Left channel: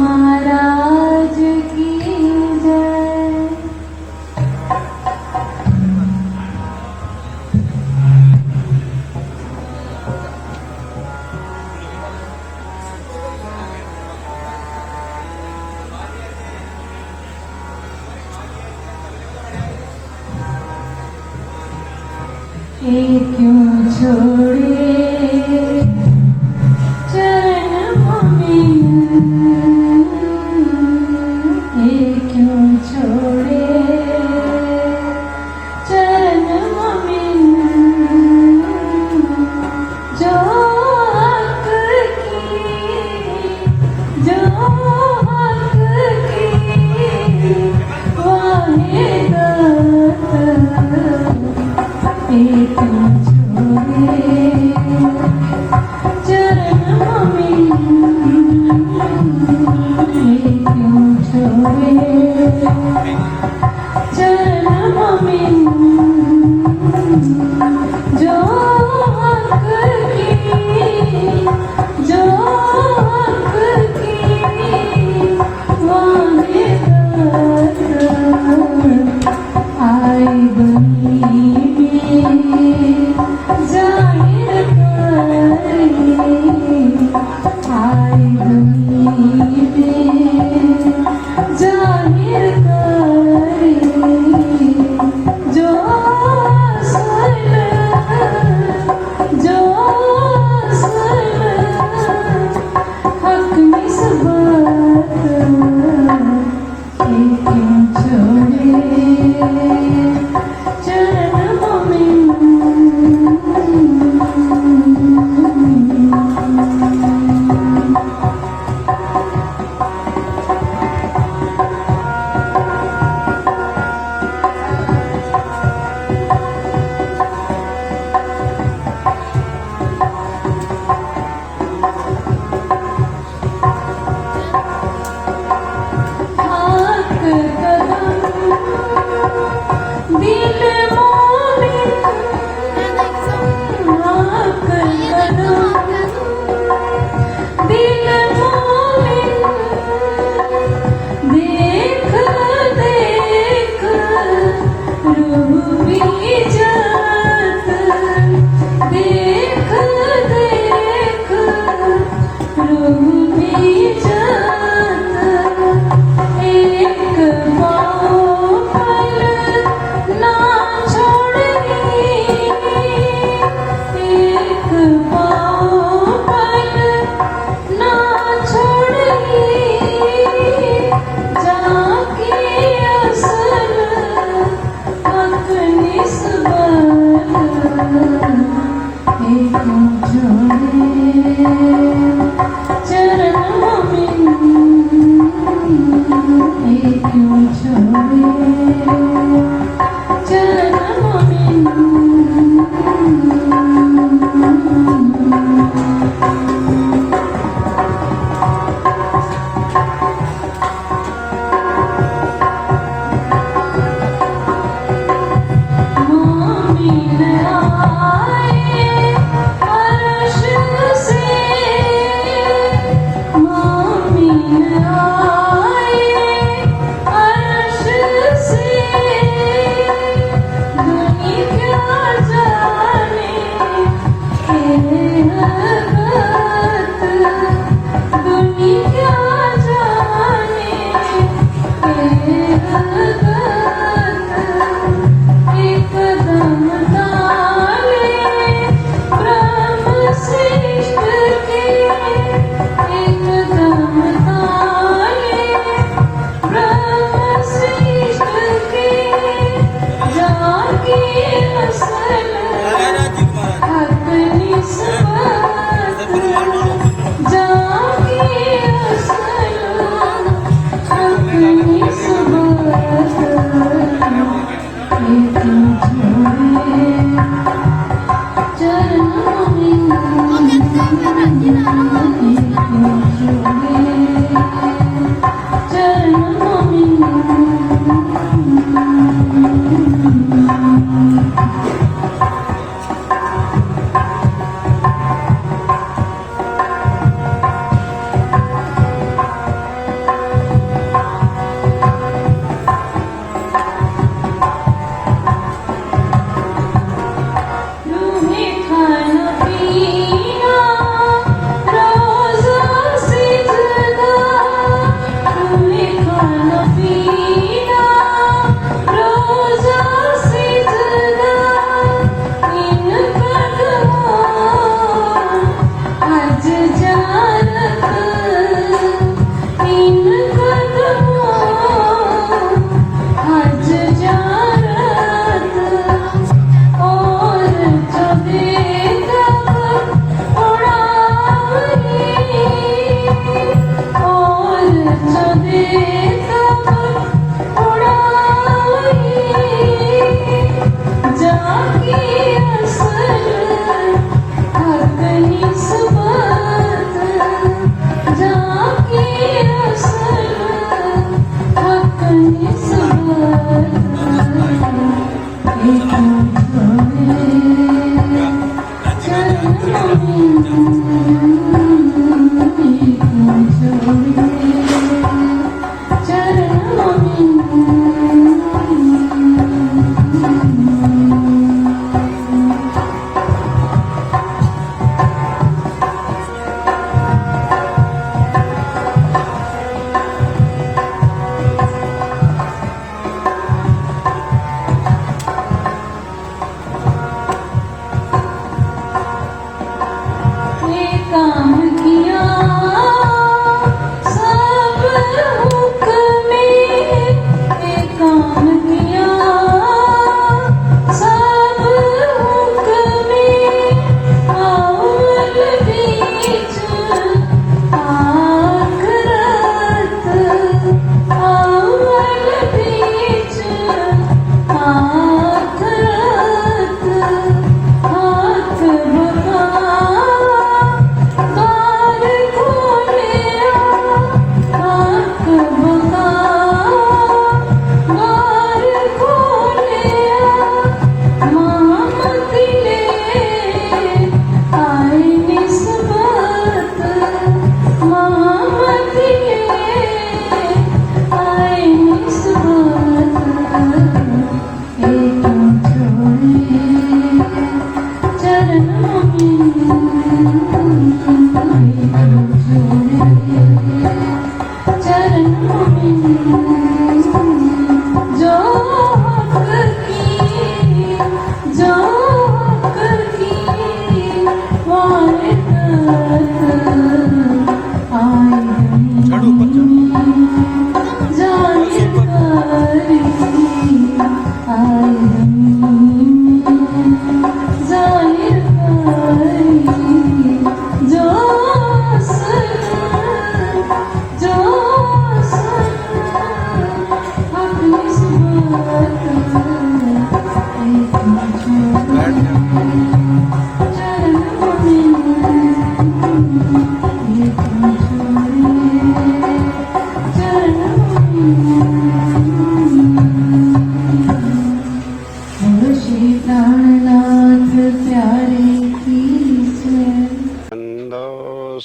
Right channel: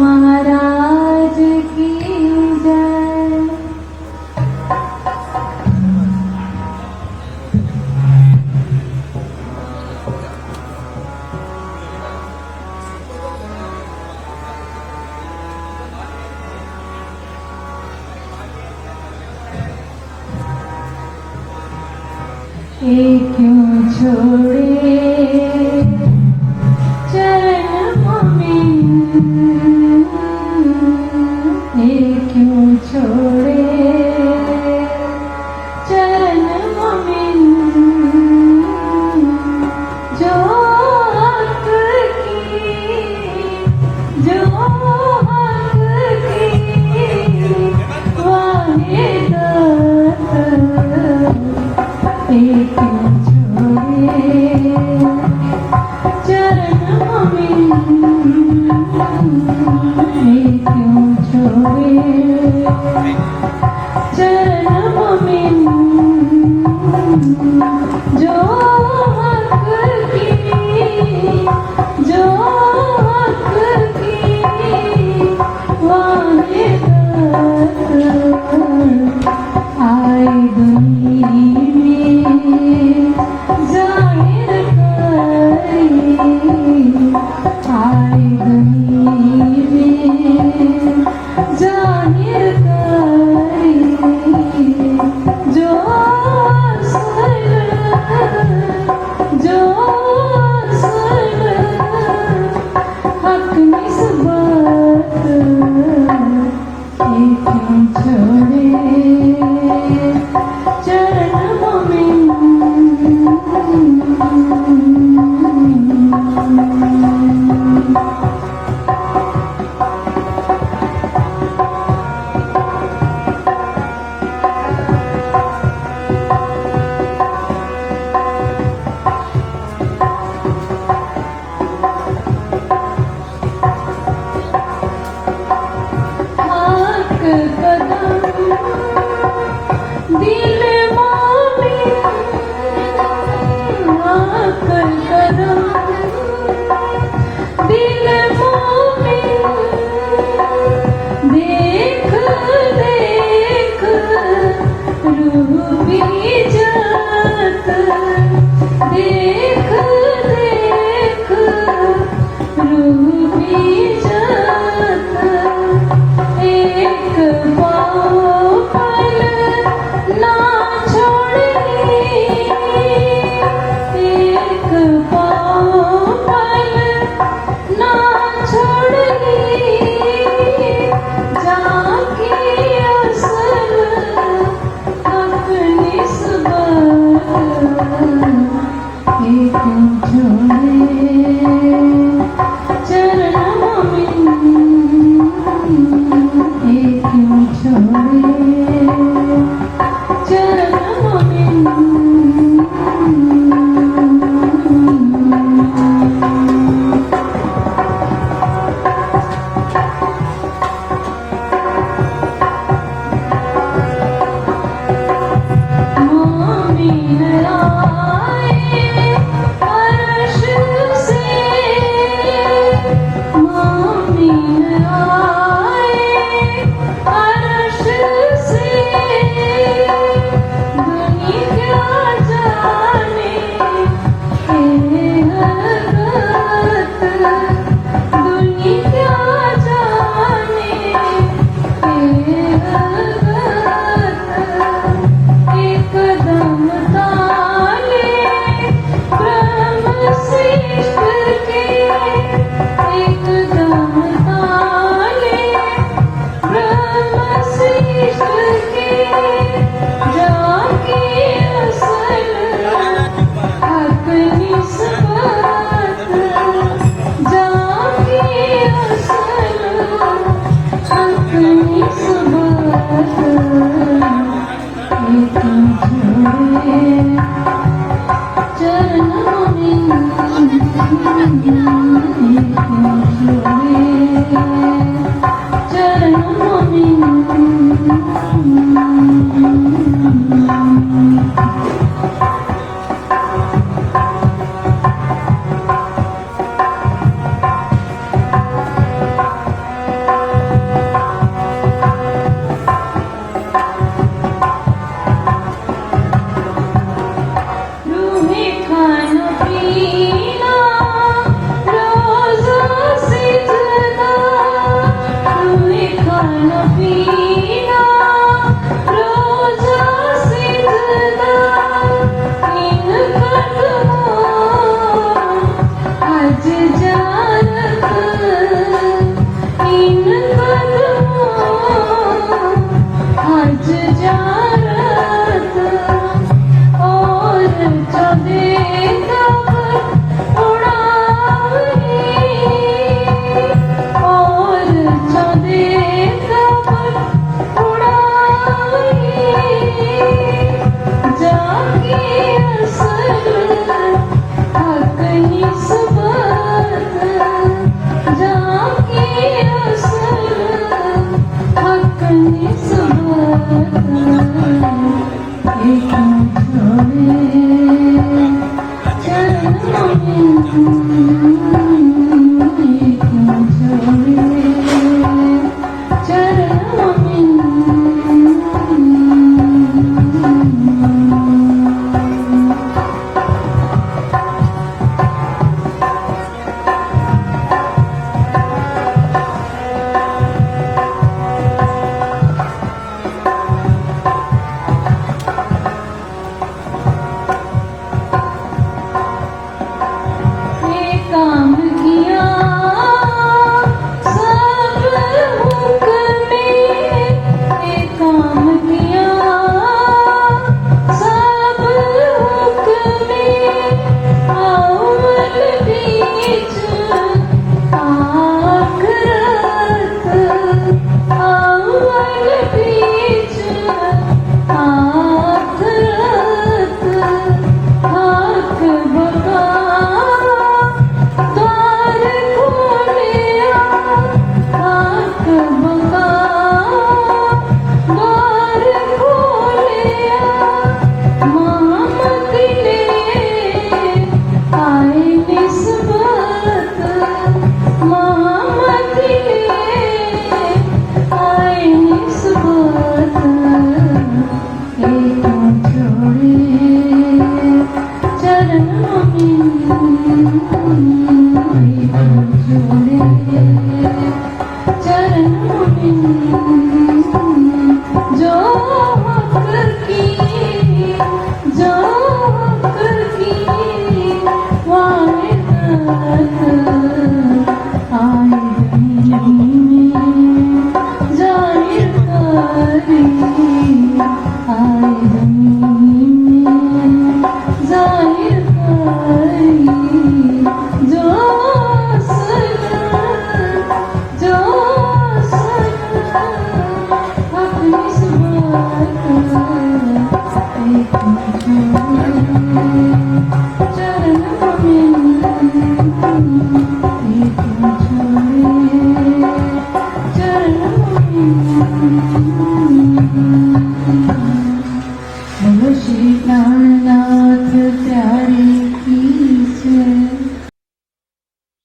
महाराज की जय। ये क्यों छोड़े चरणों में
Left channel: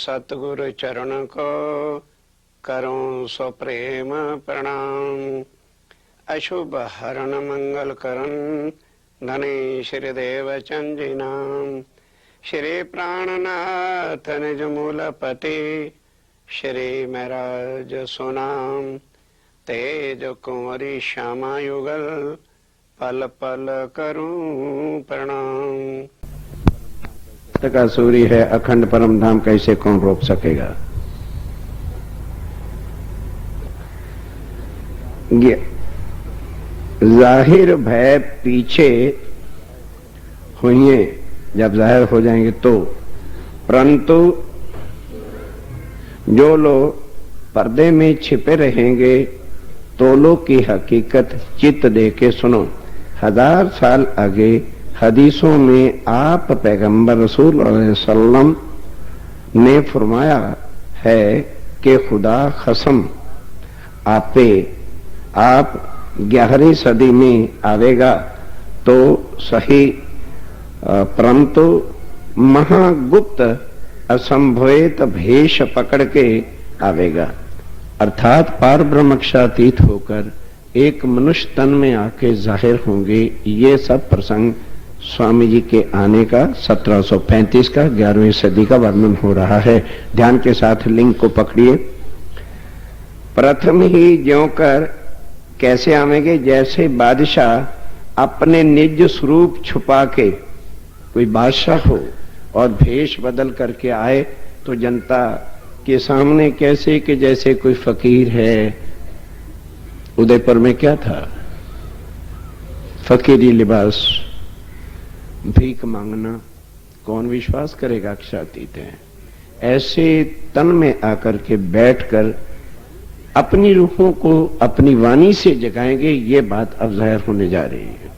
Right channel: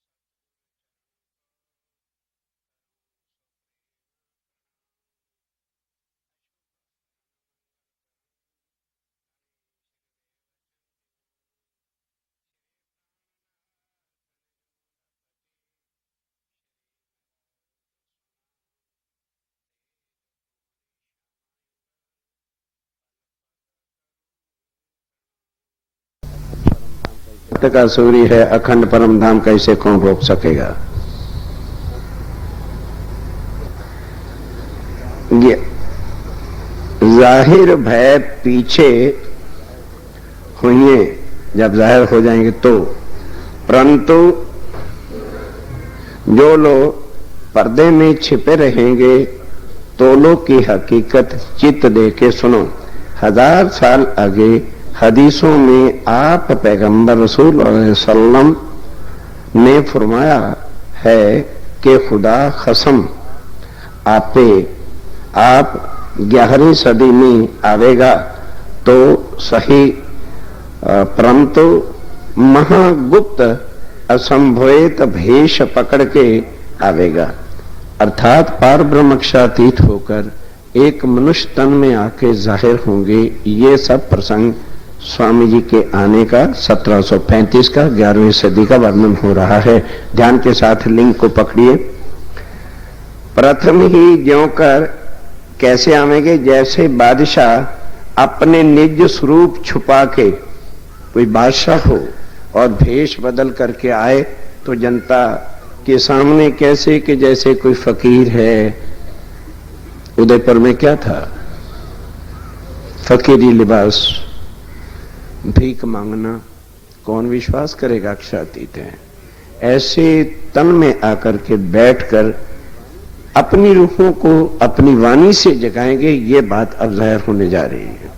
सतगुरु चरण को करूं सो प्रेम प्रणाम। अशुभ हरण मंगल करन धने श्री देव चंदी नाम। श्री प्राणनाथ निज मूलपति श्री महराज सुनाम। तेज कुंवरी श्यामा युगल पल पल करूं प्रणाम। का सूर्य है अखंड परम धाम कैसे कौन रोक सकेगा। ये जाहिर भय पीछे होंगे जब जाहिर हो जाएंगे तो, परंतु जो लोग पर्दे में छिपे रहेंगे तो लोग की हकीकत चित्त दे के सुनो। 1000 साल आगे हदीसों में आप पैगंबर रसूल सल्लम ने फरमाया है कि खुदा कसम आप 11वीं सदी में आवेगा तो सही, परंतु महागुप्त असंभवित भेष पकड़ के आवेगा, अर्थात पार ब्रह्मक्षातीत होकर एक मनुष्य तन में आके जाहिर होंगे। ये सब प्रसंग स्वामी जी के आने का 1735 का 11वीं सदी का वर्णन हो रहा है। ध्यान के साथ लिंग को पकड़िए। प्रथम ही ज्यों कर कैसे आवेंगे, जैसे बादशाह अपने निज स्वरूप छुपा के, कोई बादशाह हो और भेष बदल करके आए तो जनता के सामने कैसे कि जैसे कोई फकीर है। उदयपुर में क्या था, फकीरी लिबास, भीख मांगना, कौन विश्वास करेगा अक्षातीत है। ऐसे तन में आकर के बैठकर अपनी रूहों को अपनी वाणी से जगाएंगे, ये बात अब जाहिर होने जा रही है।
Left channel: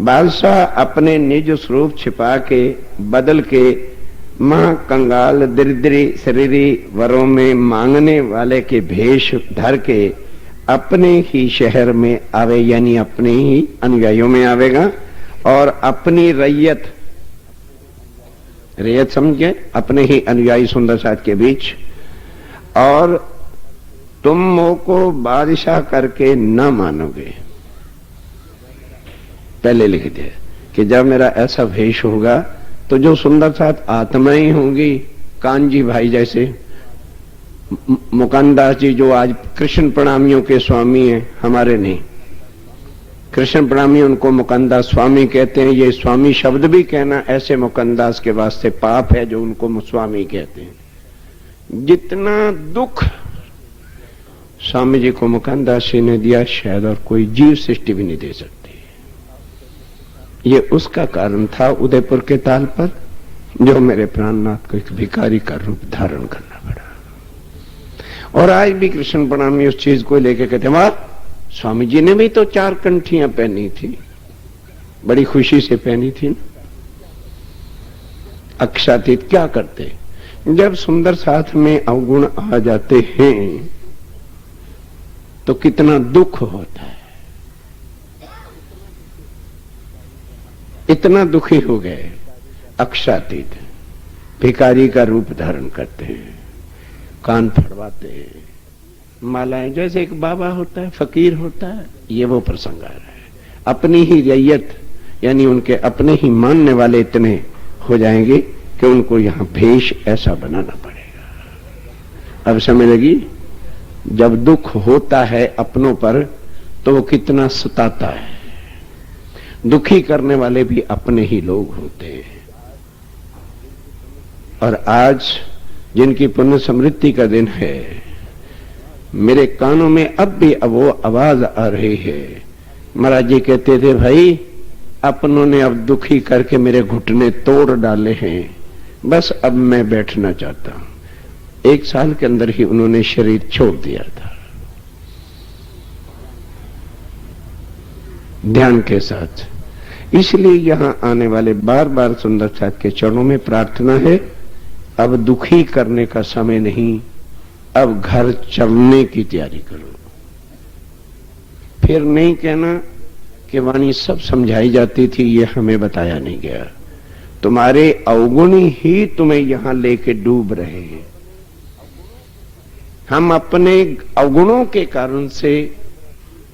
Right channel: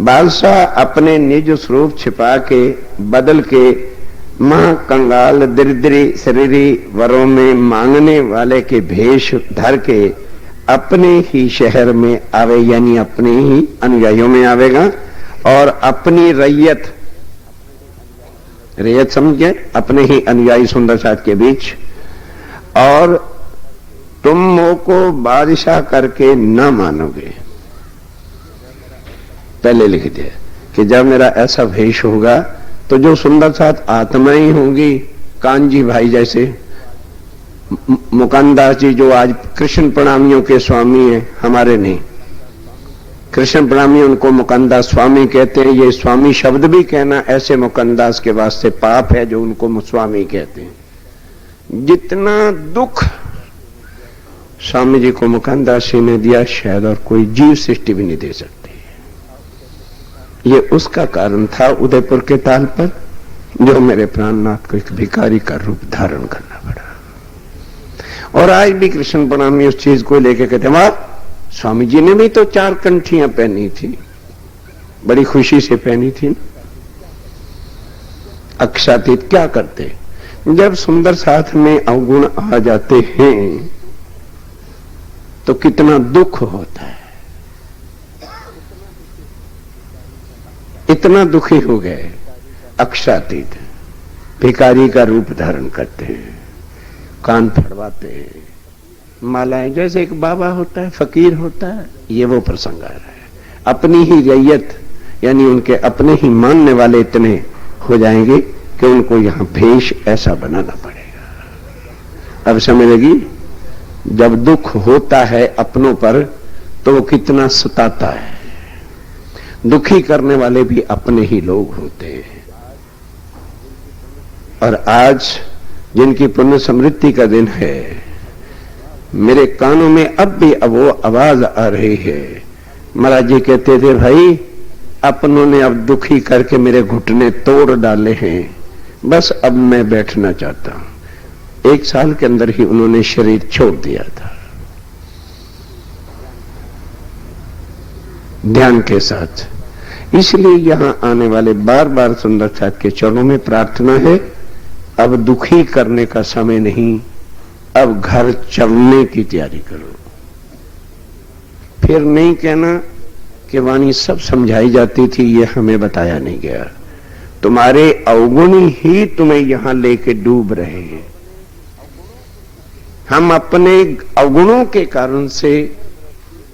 बादशाह अपने निज स्वरूप छिपा के बदल के मां कंगाल दरिद्री शरीरी वरों में मांगने वाले के भेष धर के अपने ही शहर में आवे, यानी अपने ही अनुयायियों में आवेगा और अपनी रैयत समझ गए, अपने ही अनुयायी सुंदर साथ के बीच, और तुम मोह को बादशाह करके न मानोगे। पहले लिख दिया कि जब मेरा ऐसा भेष होगा तो जो सुंदर साथ आत्माएं होंगी, कानजी भाई जैसे, मुकानदास जी जो आज कृष्ण प्रणामियों के स्वामी हैं, हमारे नहीं, कृष्ण प्रणामी उनको मुकानदास स्वामी कहते हैं। ये स्वामी शब्द भी कहना ऐसे मुकानदास के वास्ते पाप है जो उनको स्वामी कहते हैं। जितना दुख स्वामी जी को मुकानदास जी ने दिया, शायद और कोई जीव सृष्टि भी नहीं दे सकती। ये उसका कारण था उदयपुर के ताल पर, जो मेरे प्राणनाथ को एक भिखारी का रूप धारण करना पड़ा। और आज भी कृष्ण प्रणामी उस चीज को लेके कहते हैं, स्वामी जी ने भी तो 4 कंठियां पहनी थी, बड़ी खुशी से पहनी थी। अक्षातीत क्या करते, जब सुंदर साथ में अवगुण आ जाते हैं तो कितना दुख होता है। इतना दुखी हो गए अक्षातीत, भिखारी का रूप धारण करते हैं, कान फड़वाते हैं, मालाएं, जैसे एक बाबा होता है, फकीर होता है, ये वो प्रसंग आ रहा है। अपनी ही रैयत यानी उनके अपने ही मानने वाले इतने हो जाएंगे कि उनको यहां भेष ऐसा बनाना पड़ेगा। अब समझ लगी, जब दुख होता है अपनों पर तो वो कितना सताता है। दुखी करने वाले भी अपने ही लोग होते हैं। और आज जिनकी पुण्य समृद्धि का दिन है, मेरे कानों में अब भी वो आवाज आ रही है। महाराज जी कहते थे, भाई अपनों ने अब दुखी करके मेरे घुटने तोड़ डाले हैं, बस अब मैं बैठना चाहता हूं। 1 साल के अंदर ही उन्होंने शरीर छोड़ दिया था। ध्यान के साथ, इसलिए यहां आने वाले बार बार सुंदर साथ के चरणों में प्रार्थना है, अब दुखी करने का समय नहीं, अब घर चलने की तैयारी करो। फिर नहीं कहना कि वाणी सब समझाई जाती थी, ये हमें बताया नहीं गया। तुम्हारे अवगुणी ही तुम्हें यहां लेके डूब रहे हैं। हम अपने अवगुणों के कारण से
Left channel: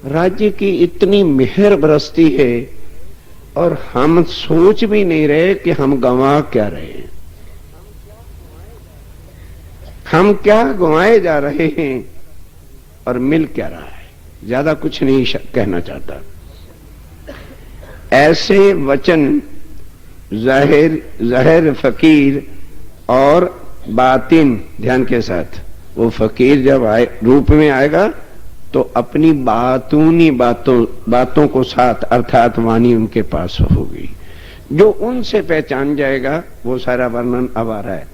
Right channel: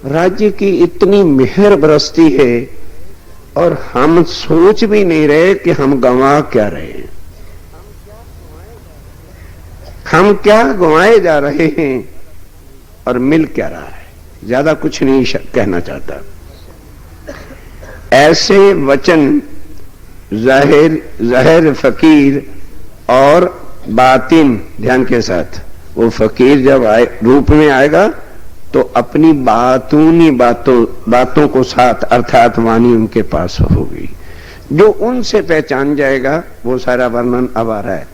राज्य की इतनी मेहर बरसती है और हम सोच भी नहीं रहे कि हम गंवा क्या रहे हैं, हम क्या गंवाए जा रहे हैं और मिल क्या रहा है। ज्यादा कुछ नहीं कहना चाहता। ऐसे वचन जाहिर फकीर और बातिन, ध्यान के साथ, वो फकीर जब रूप में आएगा तो अपनी बातों को साथ अर्थात वाणी उनके पास होगी, जो उनसे पहचान जाएगा। वो सारा वर्णन अब आ रहा है।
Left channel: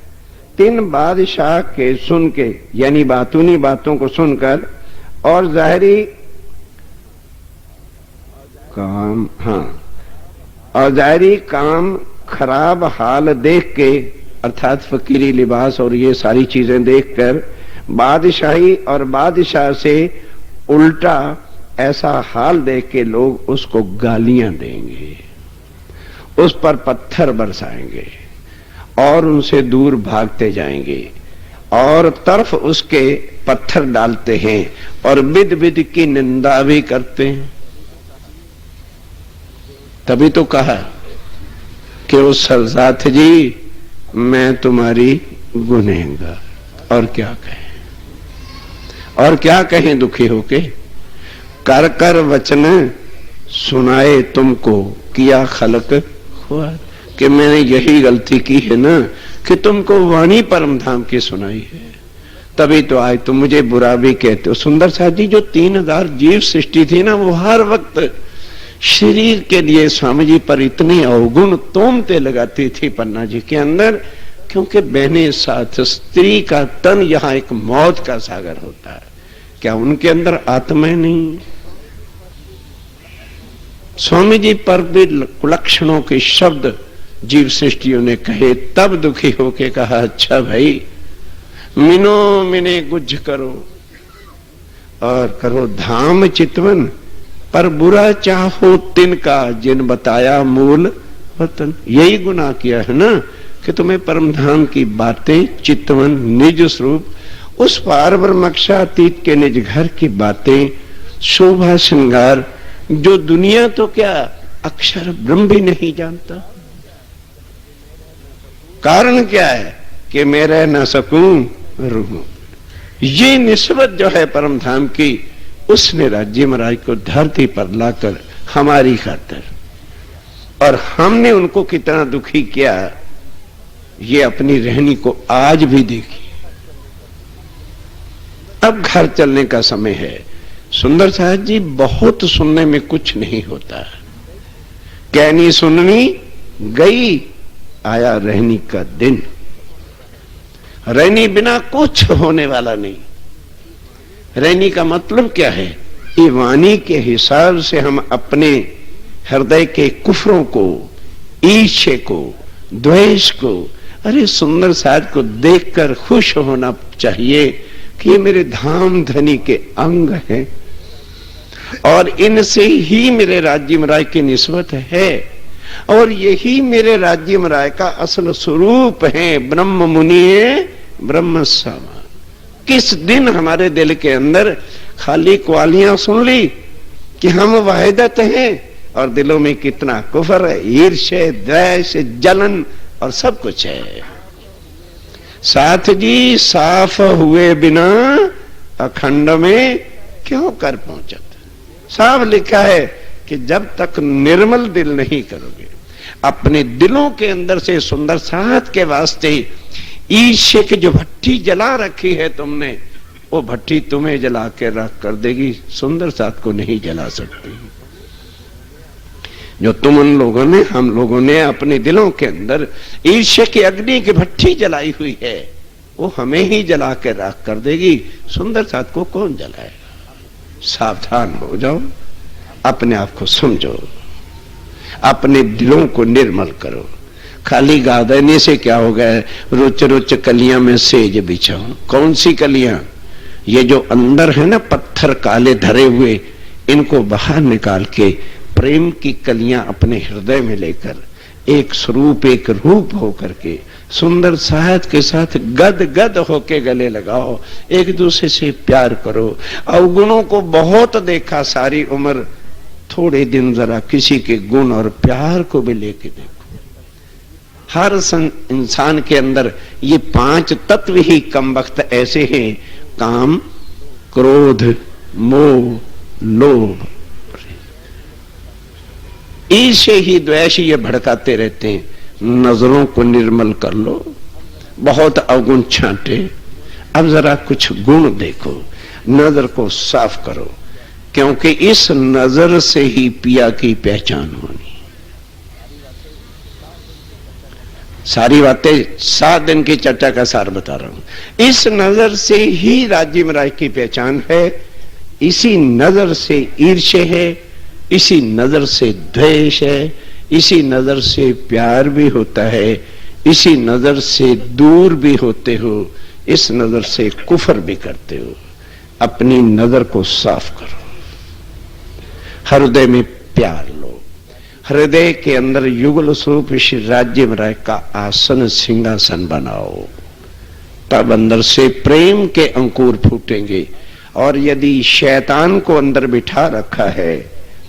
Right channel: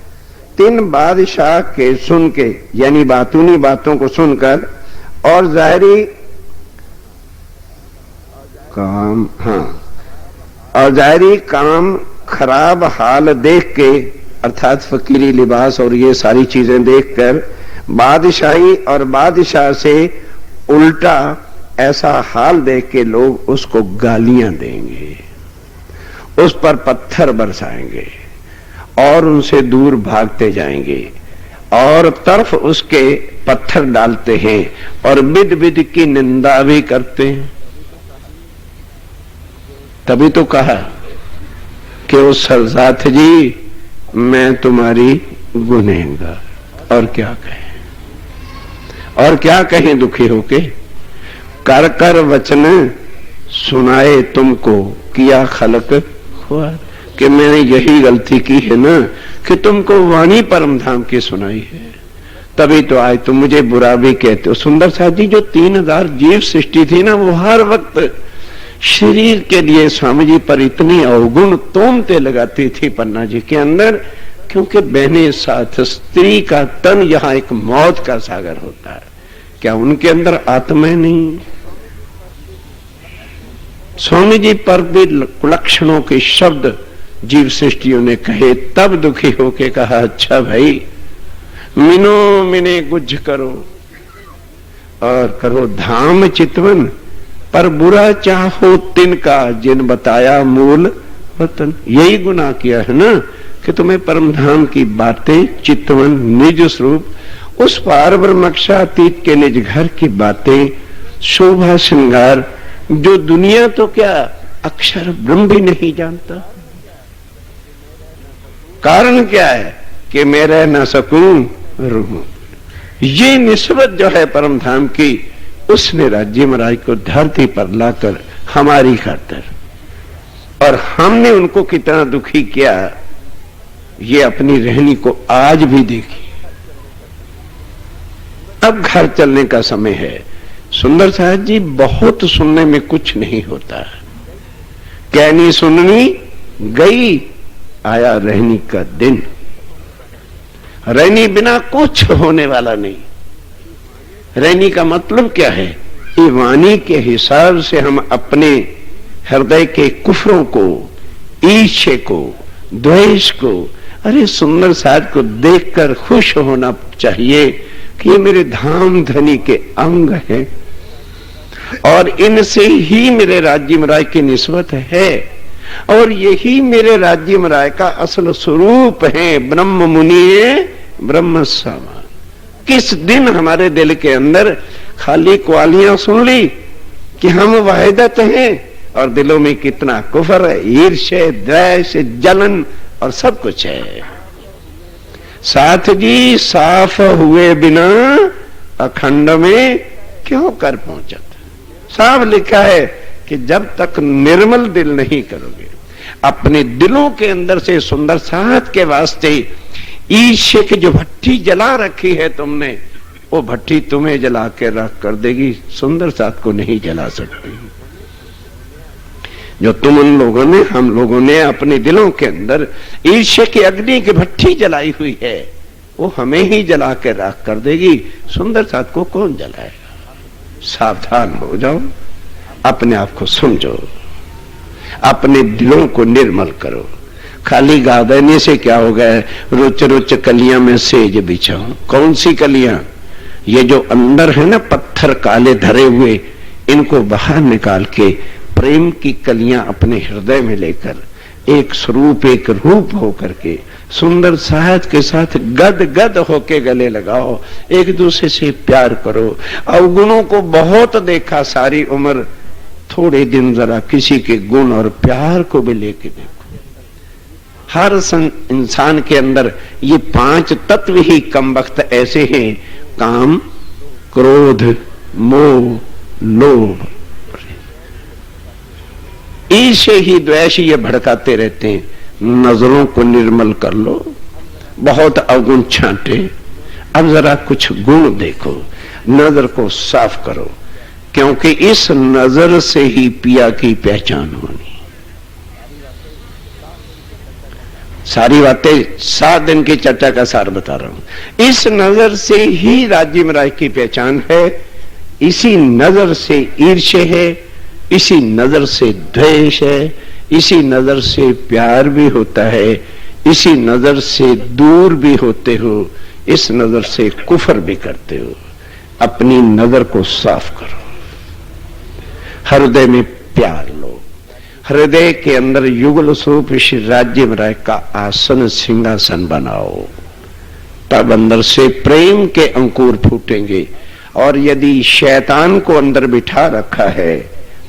3 बादशाह के सुन के, यानी बातूनी बातों को सुनकर और जाहिरी काम, और जाहिरी काम खराब हाल देख के, अर्थात फकीरी लिबास और ये सारी चीजें देखकर बादशाही और बादशाह से उल्टा ऐसा हाल देख के लोग उसको गालियां देंगे, उस पर पत्थर बरसाएंगे और उनसे दूर भागते जाएंगे और तरफ उसके पत्थर डालते हैं और बिद बिद की निंदा भी करते हैं। तभी तो कहा कि वो सरसाथ जी मैं तुम्हारी गुनहगार। और क्या कहें, और क्या कहें दुखी होके। कर कर वचन सुनाए तुमको किया खलक हुआ, कि मैंने यही गलती की है ना कि तुमको वाणी परम धाम की सुनाई है, तभी तो आज तुम मुझे बुरा भी कहते हो। सुंदर साथ जी, जो 3000 जीव सृष्टि थी ना, वो हर वक्त शरीर के लिए स्वामी जी पर इतनी अवगुण तोमते लगाती थी पन्ना जी के अंदर, क्योंकि बहने साथ स्त्री का तन यहाँ एक मौत का सागर होता है। क्या उनके अंदर आत्मा नहीं? स्वामी जी पर भी लक्षणों के शब्द जीव सृष्टियों ने कहे, तब दुखी होके कहा अच्छा भाई मिनो मिने गुज करो और करो धाम चितवन, पर बुरा चाहो तिनका जिन बताया मूल रतन। यही गुनाह किया है ना कि तुम्हें परम धाम की बातें चितवन निज स्वरूप उस पार ब्रह्मक्षातीत के निज घर की बातें शोभा श्रृंगार, जो दुनिया तो क्या अक्षर ब्रह्म भी नहीं जानता। कारण क्या है कि मैं रह न सकूं रूह। ये निस्बत जो है परम धाम की, उसने राज्य महाराज को धरती पर लाकर हमारी खातिर, और हमने उनको कितना दुखी किया ये अपनी रहनी को आज भी देखी। अब घर चलने का समय है। सुंदर साहब जी, बहुत सुनने में कुछ नहीं होता, कहनी सुननी गई, आया रहनी का दिन। रहनी बिना कुछ होने वाला नहीं। रहनी का मतलब क्या है? ये वाणी के हिसाब से हम अपने हृदय के कुफरों को, ईर्ष्या को, द्वेष को, अरे सुंदर साथ को देखकर खुश होना चाहिए कि ये मेरे धाम धनी के अंग हैं और इनसे ही मेरे राज्य महाराज की निस्बत है, और यही मेरे राज्य महाराज का असल स्वरूप है। ब्रह्म मुनि ब्रह्म समान। किस दिन हमारे दिल के अंदर खाली क्वालियां सुन ली कि हम वहदत हैं, और दिलों में कितना कुफर है, ईर्ष्या, द्वेष, जलन और सब कुछ है। साथ जी साफ हुए बिना अखंड में क्यों कर पहुंचते। साफ लिखा है कि जब तक निर्मल दिल नहीं करोगे, अपने दिलों के अंदर से सुंदर साथ के वास्ते ईर्ष्या की जो भट्टी जला रखी है तुमने, वो भट्टी तुम्हें जला के रख कर देगी, सुंदर साथ को नहीं जला सकती। जो तुम उन लोगों ने, हम लोगों ने अपने दिलों के अंदर ईर्ष्या की अग्नि की भट्टी जलाई हुई है, वो हमें ही जला के राख कर देगी, सुंदर साथ को कौन जलाएगा। सावधान हो जाओ, अपने आप को समझो, अपने दिलों को निर्मल करो। खाली गा देने से क्या होगा? रुच रुच कलियां में सेज बिछाऊं। कौन सी कलियां? ये जो अंदर है ना पत्थर काले धरे हुए, इनको बाहर निकाल के प्रेम की कलियां अपने हृदय में लेकर एक स्वरूप, एक रूप होकर के सुंदर साथ के साथ गद गद होके गले लगाओ, एक दूसरे से प्यार करो। अवगुणों को बहुत देखा सारी उम्र, थोड़े दिन जरा किसी के गुण और प्यार को भी लेके देखो। हर इंसान के अंदर ये 5 तत्व ही कम वक्त ऐसे हैं, काम, क्रोध, मोह, लोभ, ईर्ष्या ही द्वेष ये भड़काते रहते हैं। नजरों को निर्मल कर लो, बहुत अवगुण छांटे, अब जरा कुछ गुण देखो, नजर को साफ करो, क्योंकि इस नजर से ही पिया की पहचान होनी। सारी बातें 7 दिन की चर्चा का सार बता रहा हूं। इस नजर से ही राज्य महाराज की पहचान है, इसी नजर से ईर्ष्या है, इसी नजर से द्वेष है, इसी नजर से प्यार भी होता है, इसी नजर से दूर भी होते हो, इस नजर से कुफर भी करते हो। अपनी नजर को साफ करो, हृदय में प्यार लो, हृदय के अंदर युगल स्वरूप श्री राज्य महाराज का आसन सिंहासन बनाओ, तब अंदर से प्रेम के अंकुर फूटेंगे। और यदि शैतान को अंदर बिठा रखा है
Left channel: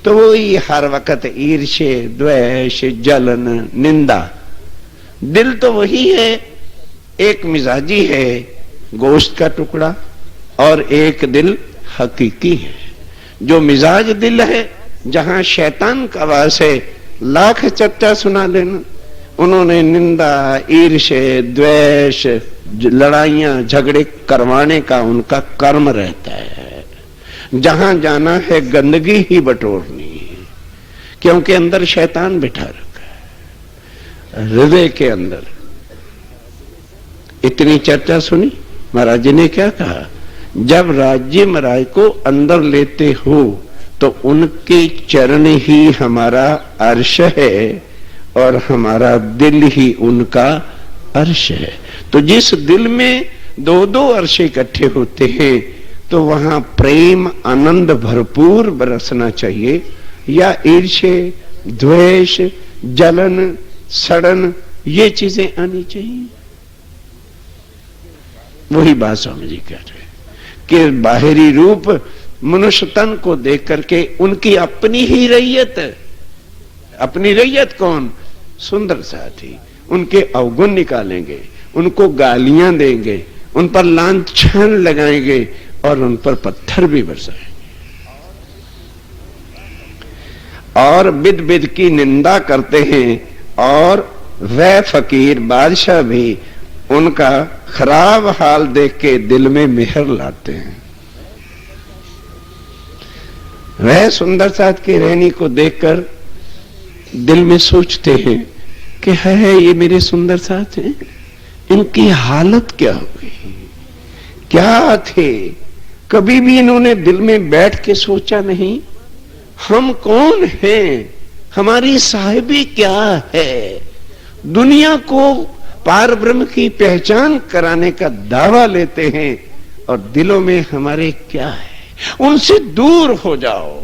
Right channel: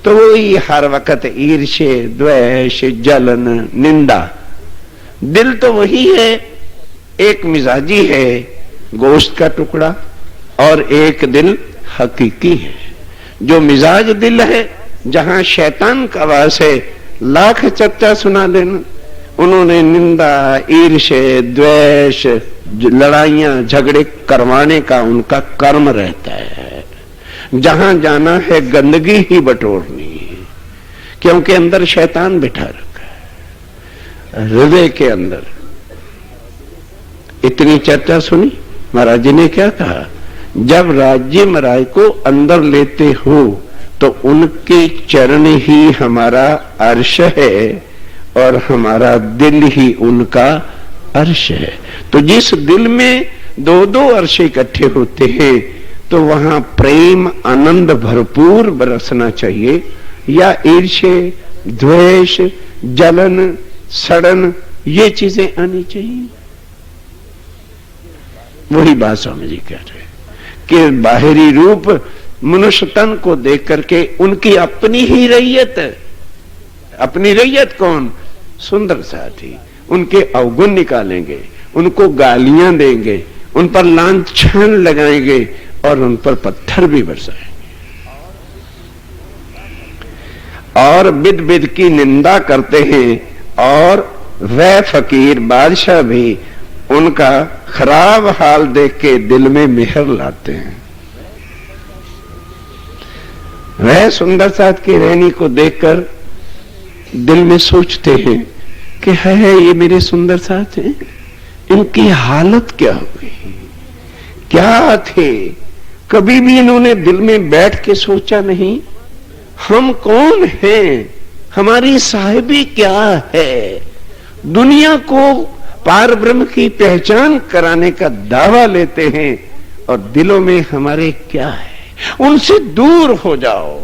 तो वही हर वक्त ईर्ष्य, द्वेष, जलन, निंदा। दिल तो वही है, एक मिजाजी है, गोश्त का टुकड़ा, और एक दिल हकीकी है। जो मिजाज दिल है, जहां शैतान का वास है, लाख चर्चा सुना देना। उन्होंने निंदा, ईर्ष्या, द्वेष, लड़ाइयां, झगड़े करवाने का उनका कर्म रहता है। जहां जाना है गंदगी ही बटोरनी, क्योंकि अंदर शैतान बिठा रखा है हृदय के अंदर। इतनी चर्चा सुनी। महाराज जी ने क्या कहा, जब राज्य महाराज को अंदर लेते हो तो उनके चरण ही हमारा अर्श है और हमारा दिल ही उनका अर्श है। तो जिस दिल में दो दो अर्श इकट्ठे होते हैं तो वहां प्रेम, आनंद भरपूर बरसना चाहिए, या ईर्ष्या, द्वेष, जलन, सड़न, ये चीजें आनी चाहिए। वही बात स्वामी जी कह रहे कि बाहरी रूप मनुष्य तन को देख करके उनकी अपनी ही रैयत है। अपनी रैयत कौन? सुंदर साथी। उनके अवगुण निकालेंगे, उनको गालियां देंगे, उन पर लांछन लगाएंगे और उन पर पत्थर भी बरसाएंगे और बिद बिद की निंदा करते हैं। और वह फकीर बादशाह भी उनका खराब हाल देख के दिल में मेहर लाते हैं। वह सुंदर साथ की रहनी को देखकर दिल में सोचते हैं कि है ये मेरे सुंदर साथ हैं, इनकी हालत क्या हुई, क्या थे। कभी भी इन्होंने दिल में बैठ के सोचा नहीं, हम कौन हैं, हमारी साहिबी क्या है। दुनिया को पार ब्रह्म की पहचान कराने का दावा लेते हैं और दिलों में हमारे क्या है। उनसे दूर हो जाओ।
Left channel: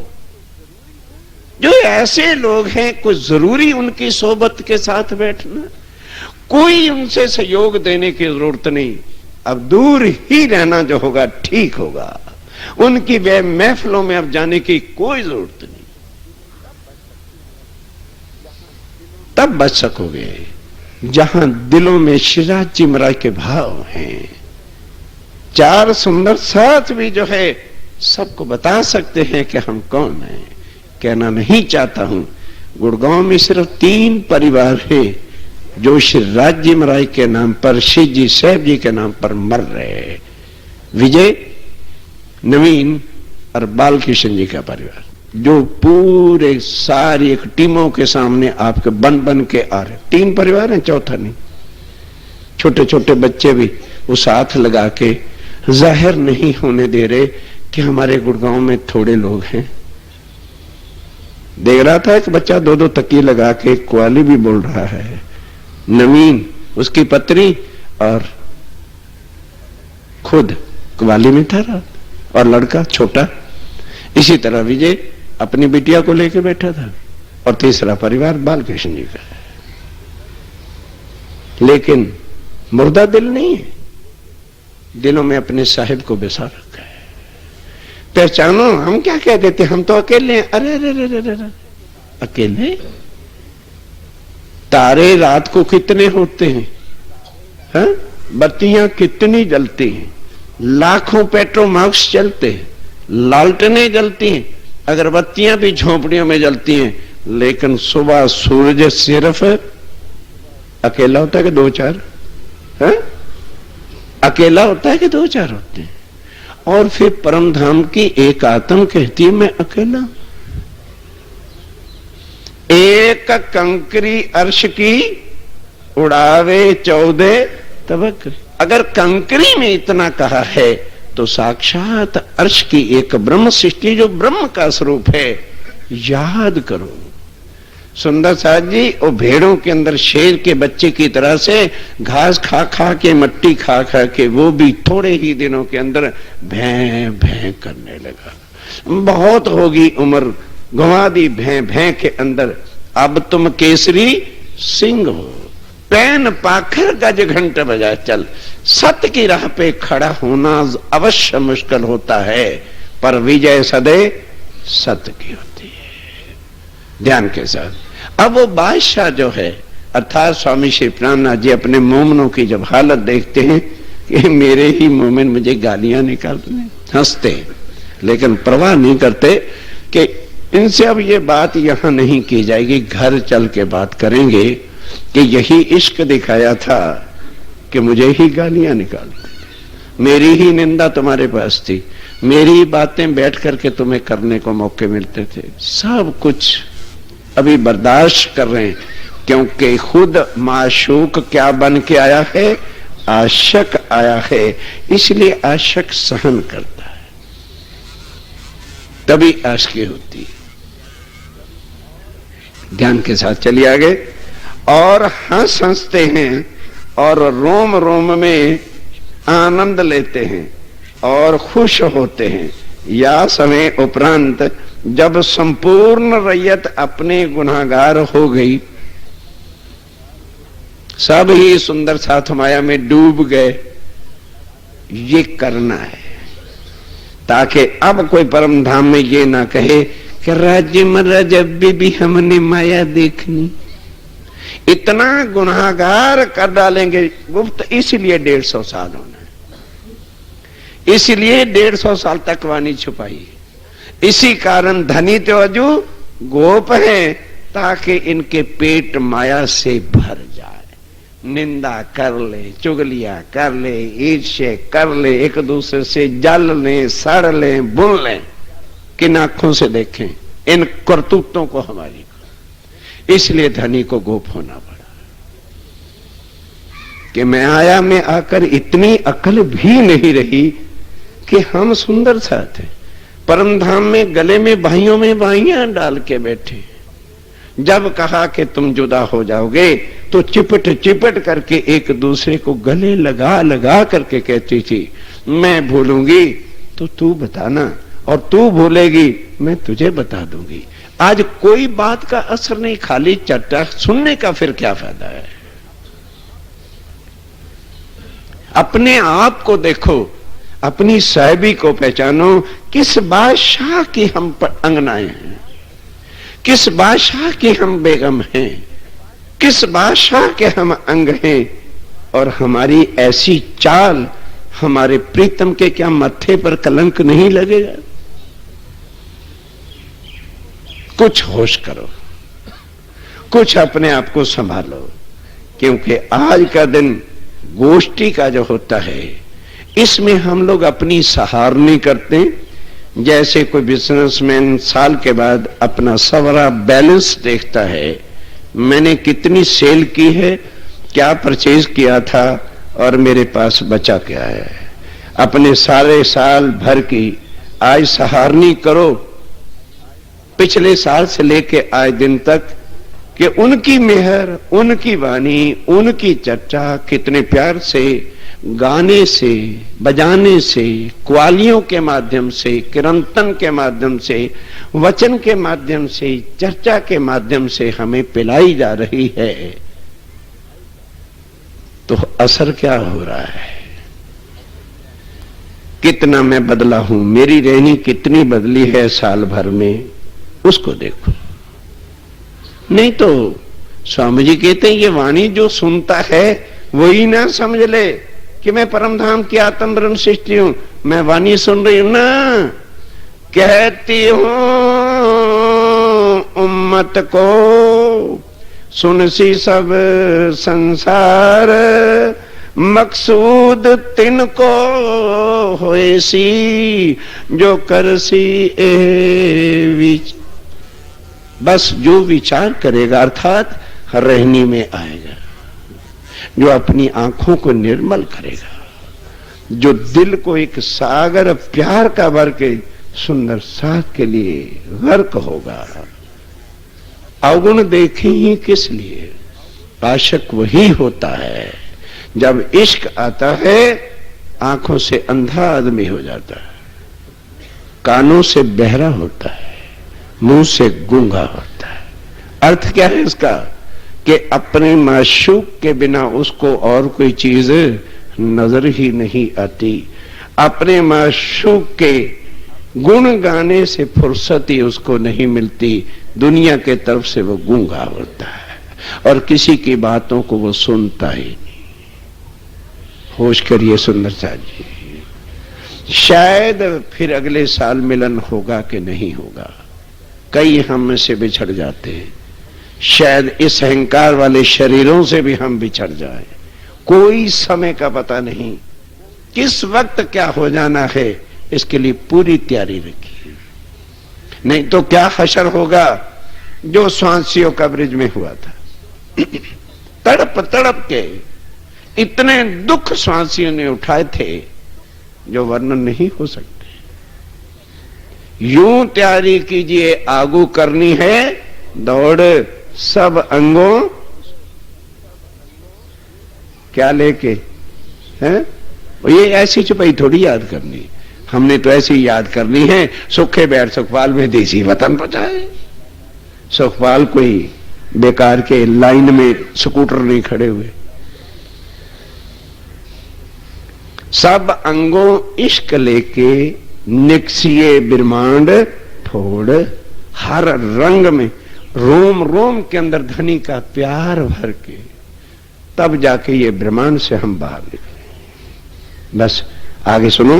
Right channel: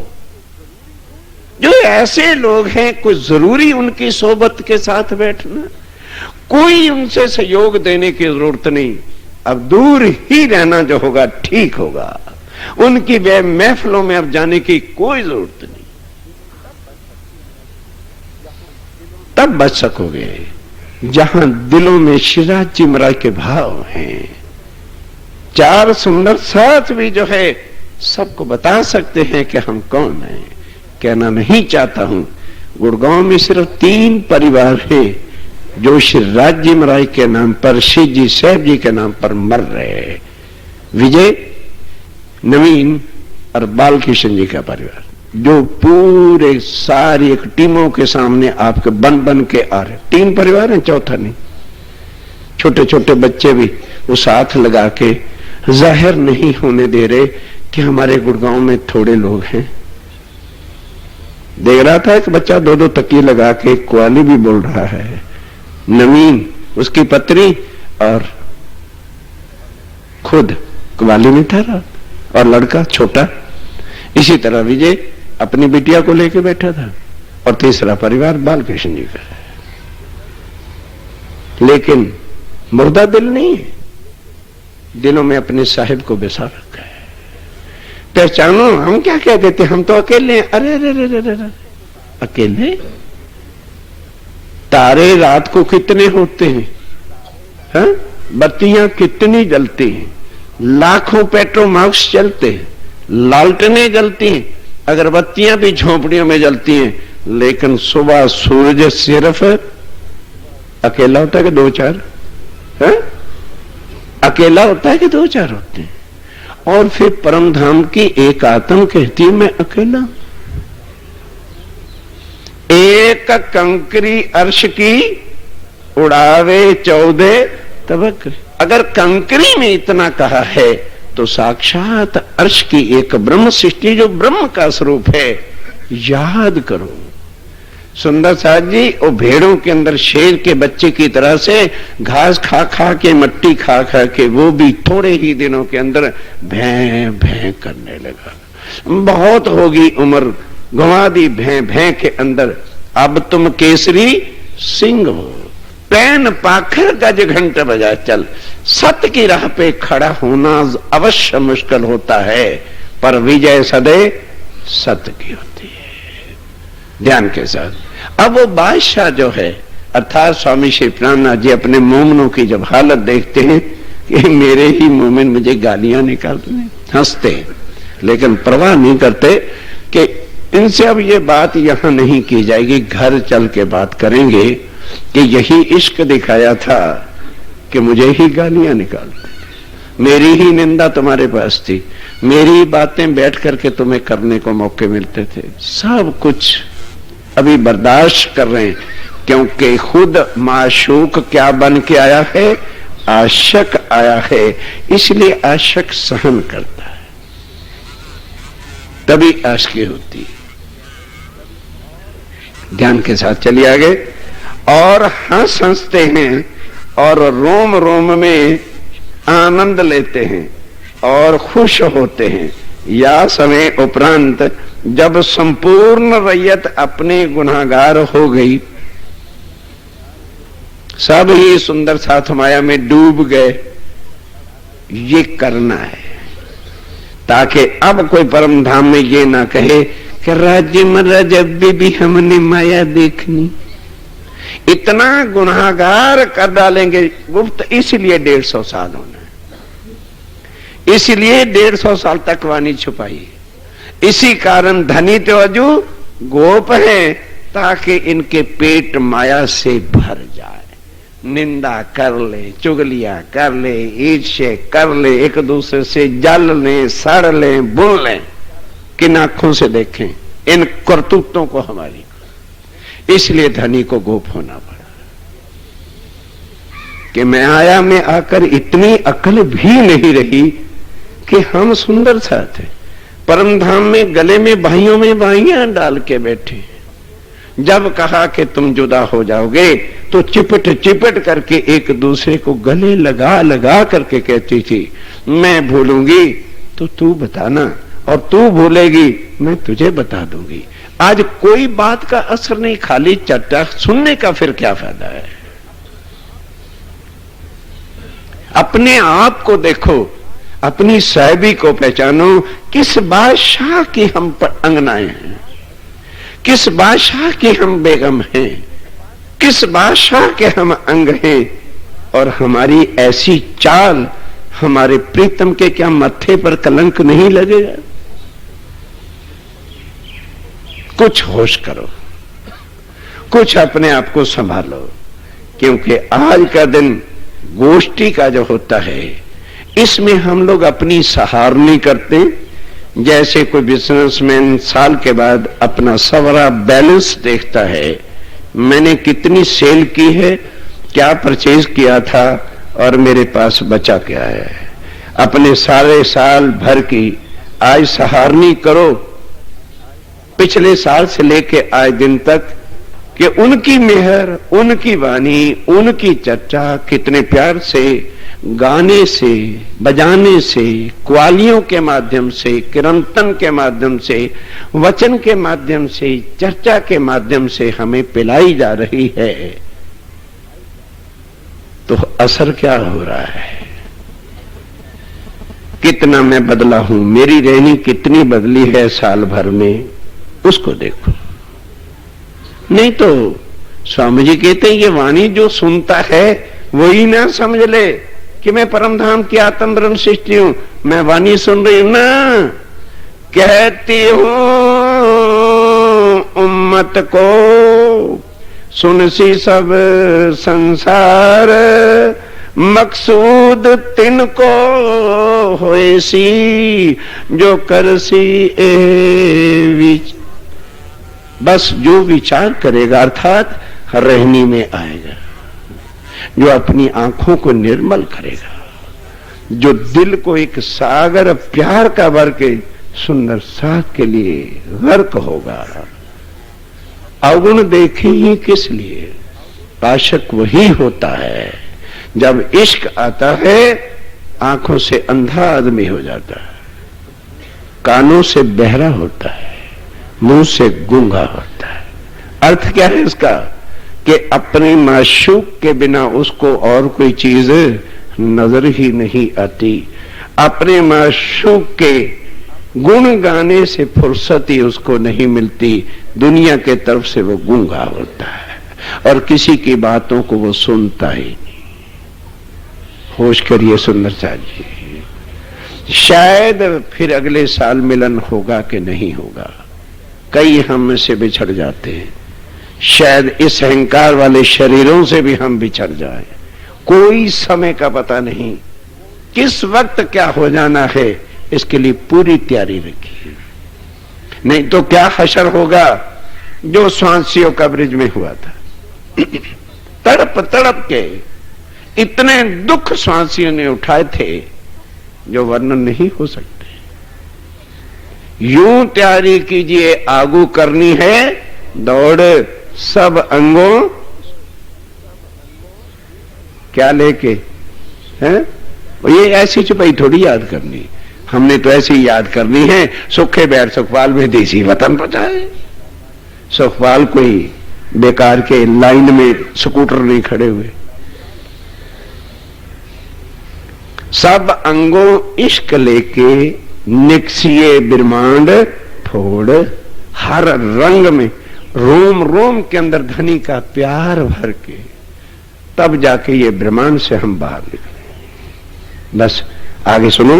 जो ऐसे लोग हैं, कुछ जरूरी उनकी सोबत के साथ बैठना, कोई उनसे सहयोग देने की जरूरत नहीं। अब दूर ही रहना जो होगा ठीक होगा। उनकी वे महफिलों में अब जाने की कोई जरूरत नहीं। तब बच सकोगे जहां दिलों में शिवराज जी महाराज के भाव हैं। चार सुंदर साथ भी जो है सबको बता सकते हैं कि हम कौन हैं। कहना नहीं चाहता हूं, गुड़गांव में सिर्फ 3 परिवार हैं जो शिवराज जी महाराज के नाम पर, शिव जी साहब जी के नाम पर मर रहे हैं। विजय, नवीन और बालकिशन जी का परिवार, जो पूरे सारी एक टीमों के सामने आपके बन बन के आ रहे। 3 परिवार हैं, चौथा नहीं। छोटे छोटे बच्चे भी वो साथ लगा के जाहिर नहीं होने दे रहे कि हमारे गुड़गांव में थोड़े लोग हैं। देख रहा था एक बच्चा 2-2 तकिए लगा के क्वाली भी बोल रहा है। नवीन, उसकी पत्नी और खुद क्वाली में ठहरा, और लड़का छोटा। इसी तरह विजय अपनी बिटिया को लेकर बैठा था, और तीसरा परिवार बालकृष्ण जी का। लेकिन मुर्दा दिल नहीं है, दिलों में अपने साहिब को बेसा रखा है। पहचानो, हम क्या कह देते, हम तो अकेले हैं। अरे अरे अरे अरे, अकेले? तारे रात को कितने होते हैं, बत्तियां कितनी जलती हैं, लाखों पेट्रोमाक्स चलते हैं, लालटेनें जलती हैं, अगरबत्तियां भी झोंपड़ियों में जलती हैं, लेकिन सुबह सूरज सिर्फ अकेला होता है कि 2-4? अकेला होता है कि 2-4 होते हैं? और फिर परम धाम की एक आत्म कहती है मैं अकेला। एक कंकरी अर्श की उड़ावे 14 तबक। अगर कंकरी में इतना कहा है तो साक्षात अर्श की एक ब्रह्म सृष्टि जो ब्रह्म का स्वरूप है, याद करो। सुंदर साथ जी वो भेड़ों के अंदर शेर के बच्चे की तरह से घास खा खा के, मट्टी खा खा के, वो भी थोड़े ही दिनों के अंदर भैं भैं करने लगा। बहुत होगी उम्र, घुमा दी भैं भैं के अंदर। अब तुम केसरी सिंह हो, पैन पाखर गज घंट बजा चल। सत्य की राह पे खड़ा होना अवश्य मुश्किल होता है, पर विजय सदैव सत्य की होती है। ध्यान के साथ। अब वो बादशाह जो है अर्थात स्वामी श्री प्राणनाथ जी अपने मोमनों की जब हालत देखते हैं कि मेरे ही मोमिन मुझे गालियां निकालते हैं, हंसते हैं, लेकिन परवाह नहीं करते कि इनसे अब ये बात यहां नहीं की जाएगी, घर चल के बात करेंगे कि यही इश्क दिखाया था कि मुझे ही गालियां निकालते, मेरी ही निंदा तुम्हारे पास थी, मेरी बातें बैठ करके तुम्हें करने को मौके मिलते थे, सब कुछ अभी बर्दाश्त कर रहे हैं, क्योंकि खुद माशूक क्या बन के आया है, आशिक आया है, इसलिए आशिक सहन करता है, तभी आशिकी होती है। ध्यान के साथ चलिए आगे। और हंसते हैं और रोम रोम में आनंद लेते हैं और खुश होते हैं। या समय उपरांत जब संपूर्ण रैयत अपने गुनाहगार हो गई, सब ही सुंदर साथ माया में डूब गए, ये करना है ताकि अब कोई परम धाम में ये ना कहे कि राज्य महाराज अभी भी हमने माया देखनी। इतना गुनाहगार कर डालेंगे गुप्त, इसलिए 150 साल होने, इसलिए 150 साल तक वाणी छुपाई। इसी कारण धनी तो अजू गोप है ताकि इनके पेट माया से भर जाए, निंदा कर ले, चुगलियां कर ले, ईर्ष्या कर ले, एक दूसरे से जल ले, सड़ ले, बुन ले, किन आंखों से देखें इन करतूतों को हमारी। इसलिए धनी को गोप होना पड़ा कि मैं आया में आकर इतनी अकल भी नहीं रही कि हम सुंदर साथ हैं, परम धाम में गले में भाइयों में भाइयां डाल के बैठे। जब कहा कि तुम जुदा हो जाओगे तो चिपट चिपट करके एक दूसरे को गले लगा लगा करके कहती थी, मैं भूलूंगी तो तू बताना, और तू भूलेगी मैं तुझे बता दूंगी। आज कोई बात का असर नहीं, खाली चर्चा सुनने का फिर क्या फायदा है। अपने आप को देखो, अपनी साहिबी को पहचानो, किस बादशाह की हम पर अंगनाएं हैं, किस बादशाह की हम बेगम हैं, किस बादशाह के हम अंग हैं, और हमारी ऐसी चाल हमारे प्रीतम के क्या मत्थे पर कलंक नहीं लगेगा। कुछ होश करो, कुछ अपने आप को संभालो, क्योंकि आज का दिन गोष्ठी का जो होता है इसमें हम लोग अपनी सहारनी करते हैं। जैसे कोई बिजनेसमैन साल के बाद अपना सवरा बैलेंस देखता है, मैंने कितनी सेल की है, क्या परचेज किया था और मेरे पास बचा क्या है। अपने सारे साल भर की आज सहारनी करो, पिछले साल से लेके आज दिन तक, कि उनकी मेहर, उनकी वाणी, उनकी चर्चा कितने प्यार से, गाने से, बजाने से, क्वालियों के माध्यम से, कीर्तन के माध्यम से, वचन के माध्यम से, चर्चा के माध्यम से हमें पिलाई जा रही है। तो असर क्या हो रहा है, कितना मैं बदला हूं, मेरी रहनी कितनी बदली है साल भर में, उसको देखो। नहीं तो स्वामी जी कहते हैं ये वाणी जो सुनता है वही ना समझ ले कि मैं परम धाम की आत्म ब्रह्म सृष्टि हूं, मैं वाणी सुन रही ना, कहती हूं उम्मत को सुन सी सब संसार, मकसूद तिनको होए सी जो कर सी ए बस जो विचार करेगा अर्थात रहनी में आएगा, जो अपनी आंखों को निर्मल करेगा, जो दिल को एक सागर प्यार का भर के सुंदर साथ के लिए गर्क होगा। अवगुण देखे ही किस लिए, आशिक वही होता है जब इश्क आता है आंखों से अंधा आदमी हो जाता है, कानों से बहरा होता है, मुंह से गूंगा होता है। अर्थ क्या है इसका कि अपने माशूक के बिना उसको और कोई चीज नजर ही नहीं आती, अपने माशूक के गुण गाने से फुर्सत ही उसको नहीं मिलती, दुनिया के तरफ से वो गूंगा होता है और किसी की बातों को वो सुनता ही नहीं। होश करिए सुंदर साथ जी, शायद फिर अगले साल मिलन होगा कि नहीं होगा। कई हम में से बिछड़ जाते हैं, शायद इस अहंकार वाले शरीरों से भी हम बिछड़ जाएं। कोई समय का पता नहीं, किस वक्त क्या हो जाना है, इसके लिए पूरी तैयारी रखिए। नहीं तो क्या हशर होगा जो स्वांसियों का ब्रिज में हुआ था। तड़प तड़प के इतने दुख स्वांसियों ने उठाए थे जो वर्णन नहीं हो सकते। यूं तैयारी कीजिए, आगू करनी है दौड़, सब अंगों क्या लेके हैं। ये ऐसी चुपाई थोड़ी याद करनी, हमने तो ऐसी याद करनी है। सुखे बैर सुखपाल में देसी वतन बचाए। सुखपाल कोई बेकार के लाइन में स्कूटर नहीं खड़े हुए। सब अंगों इश्क लेके निकसिए ब्रह्मांड फोड़, हर रंग में रोम रोम के अंदर धनी का प्यार भर के, तब जाके ये ब्रह्मांड से हम बाहर निकले। बस आगे सुनो।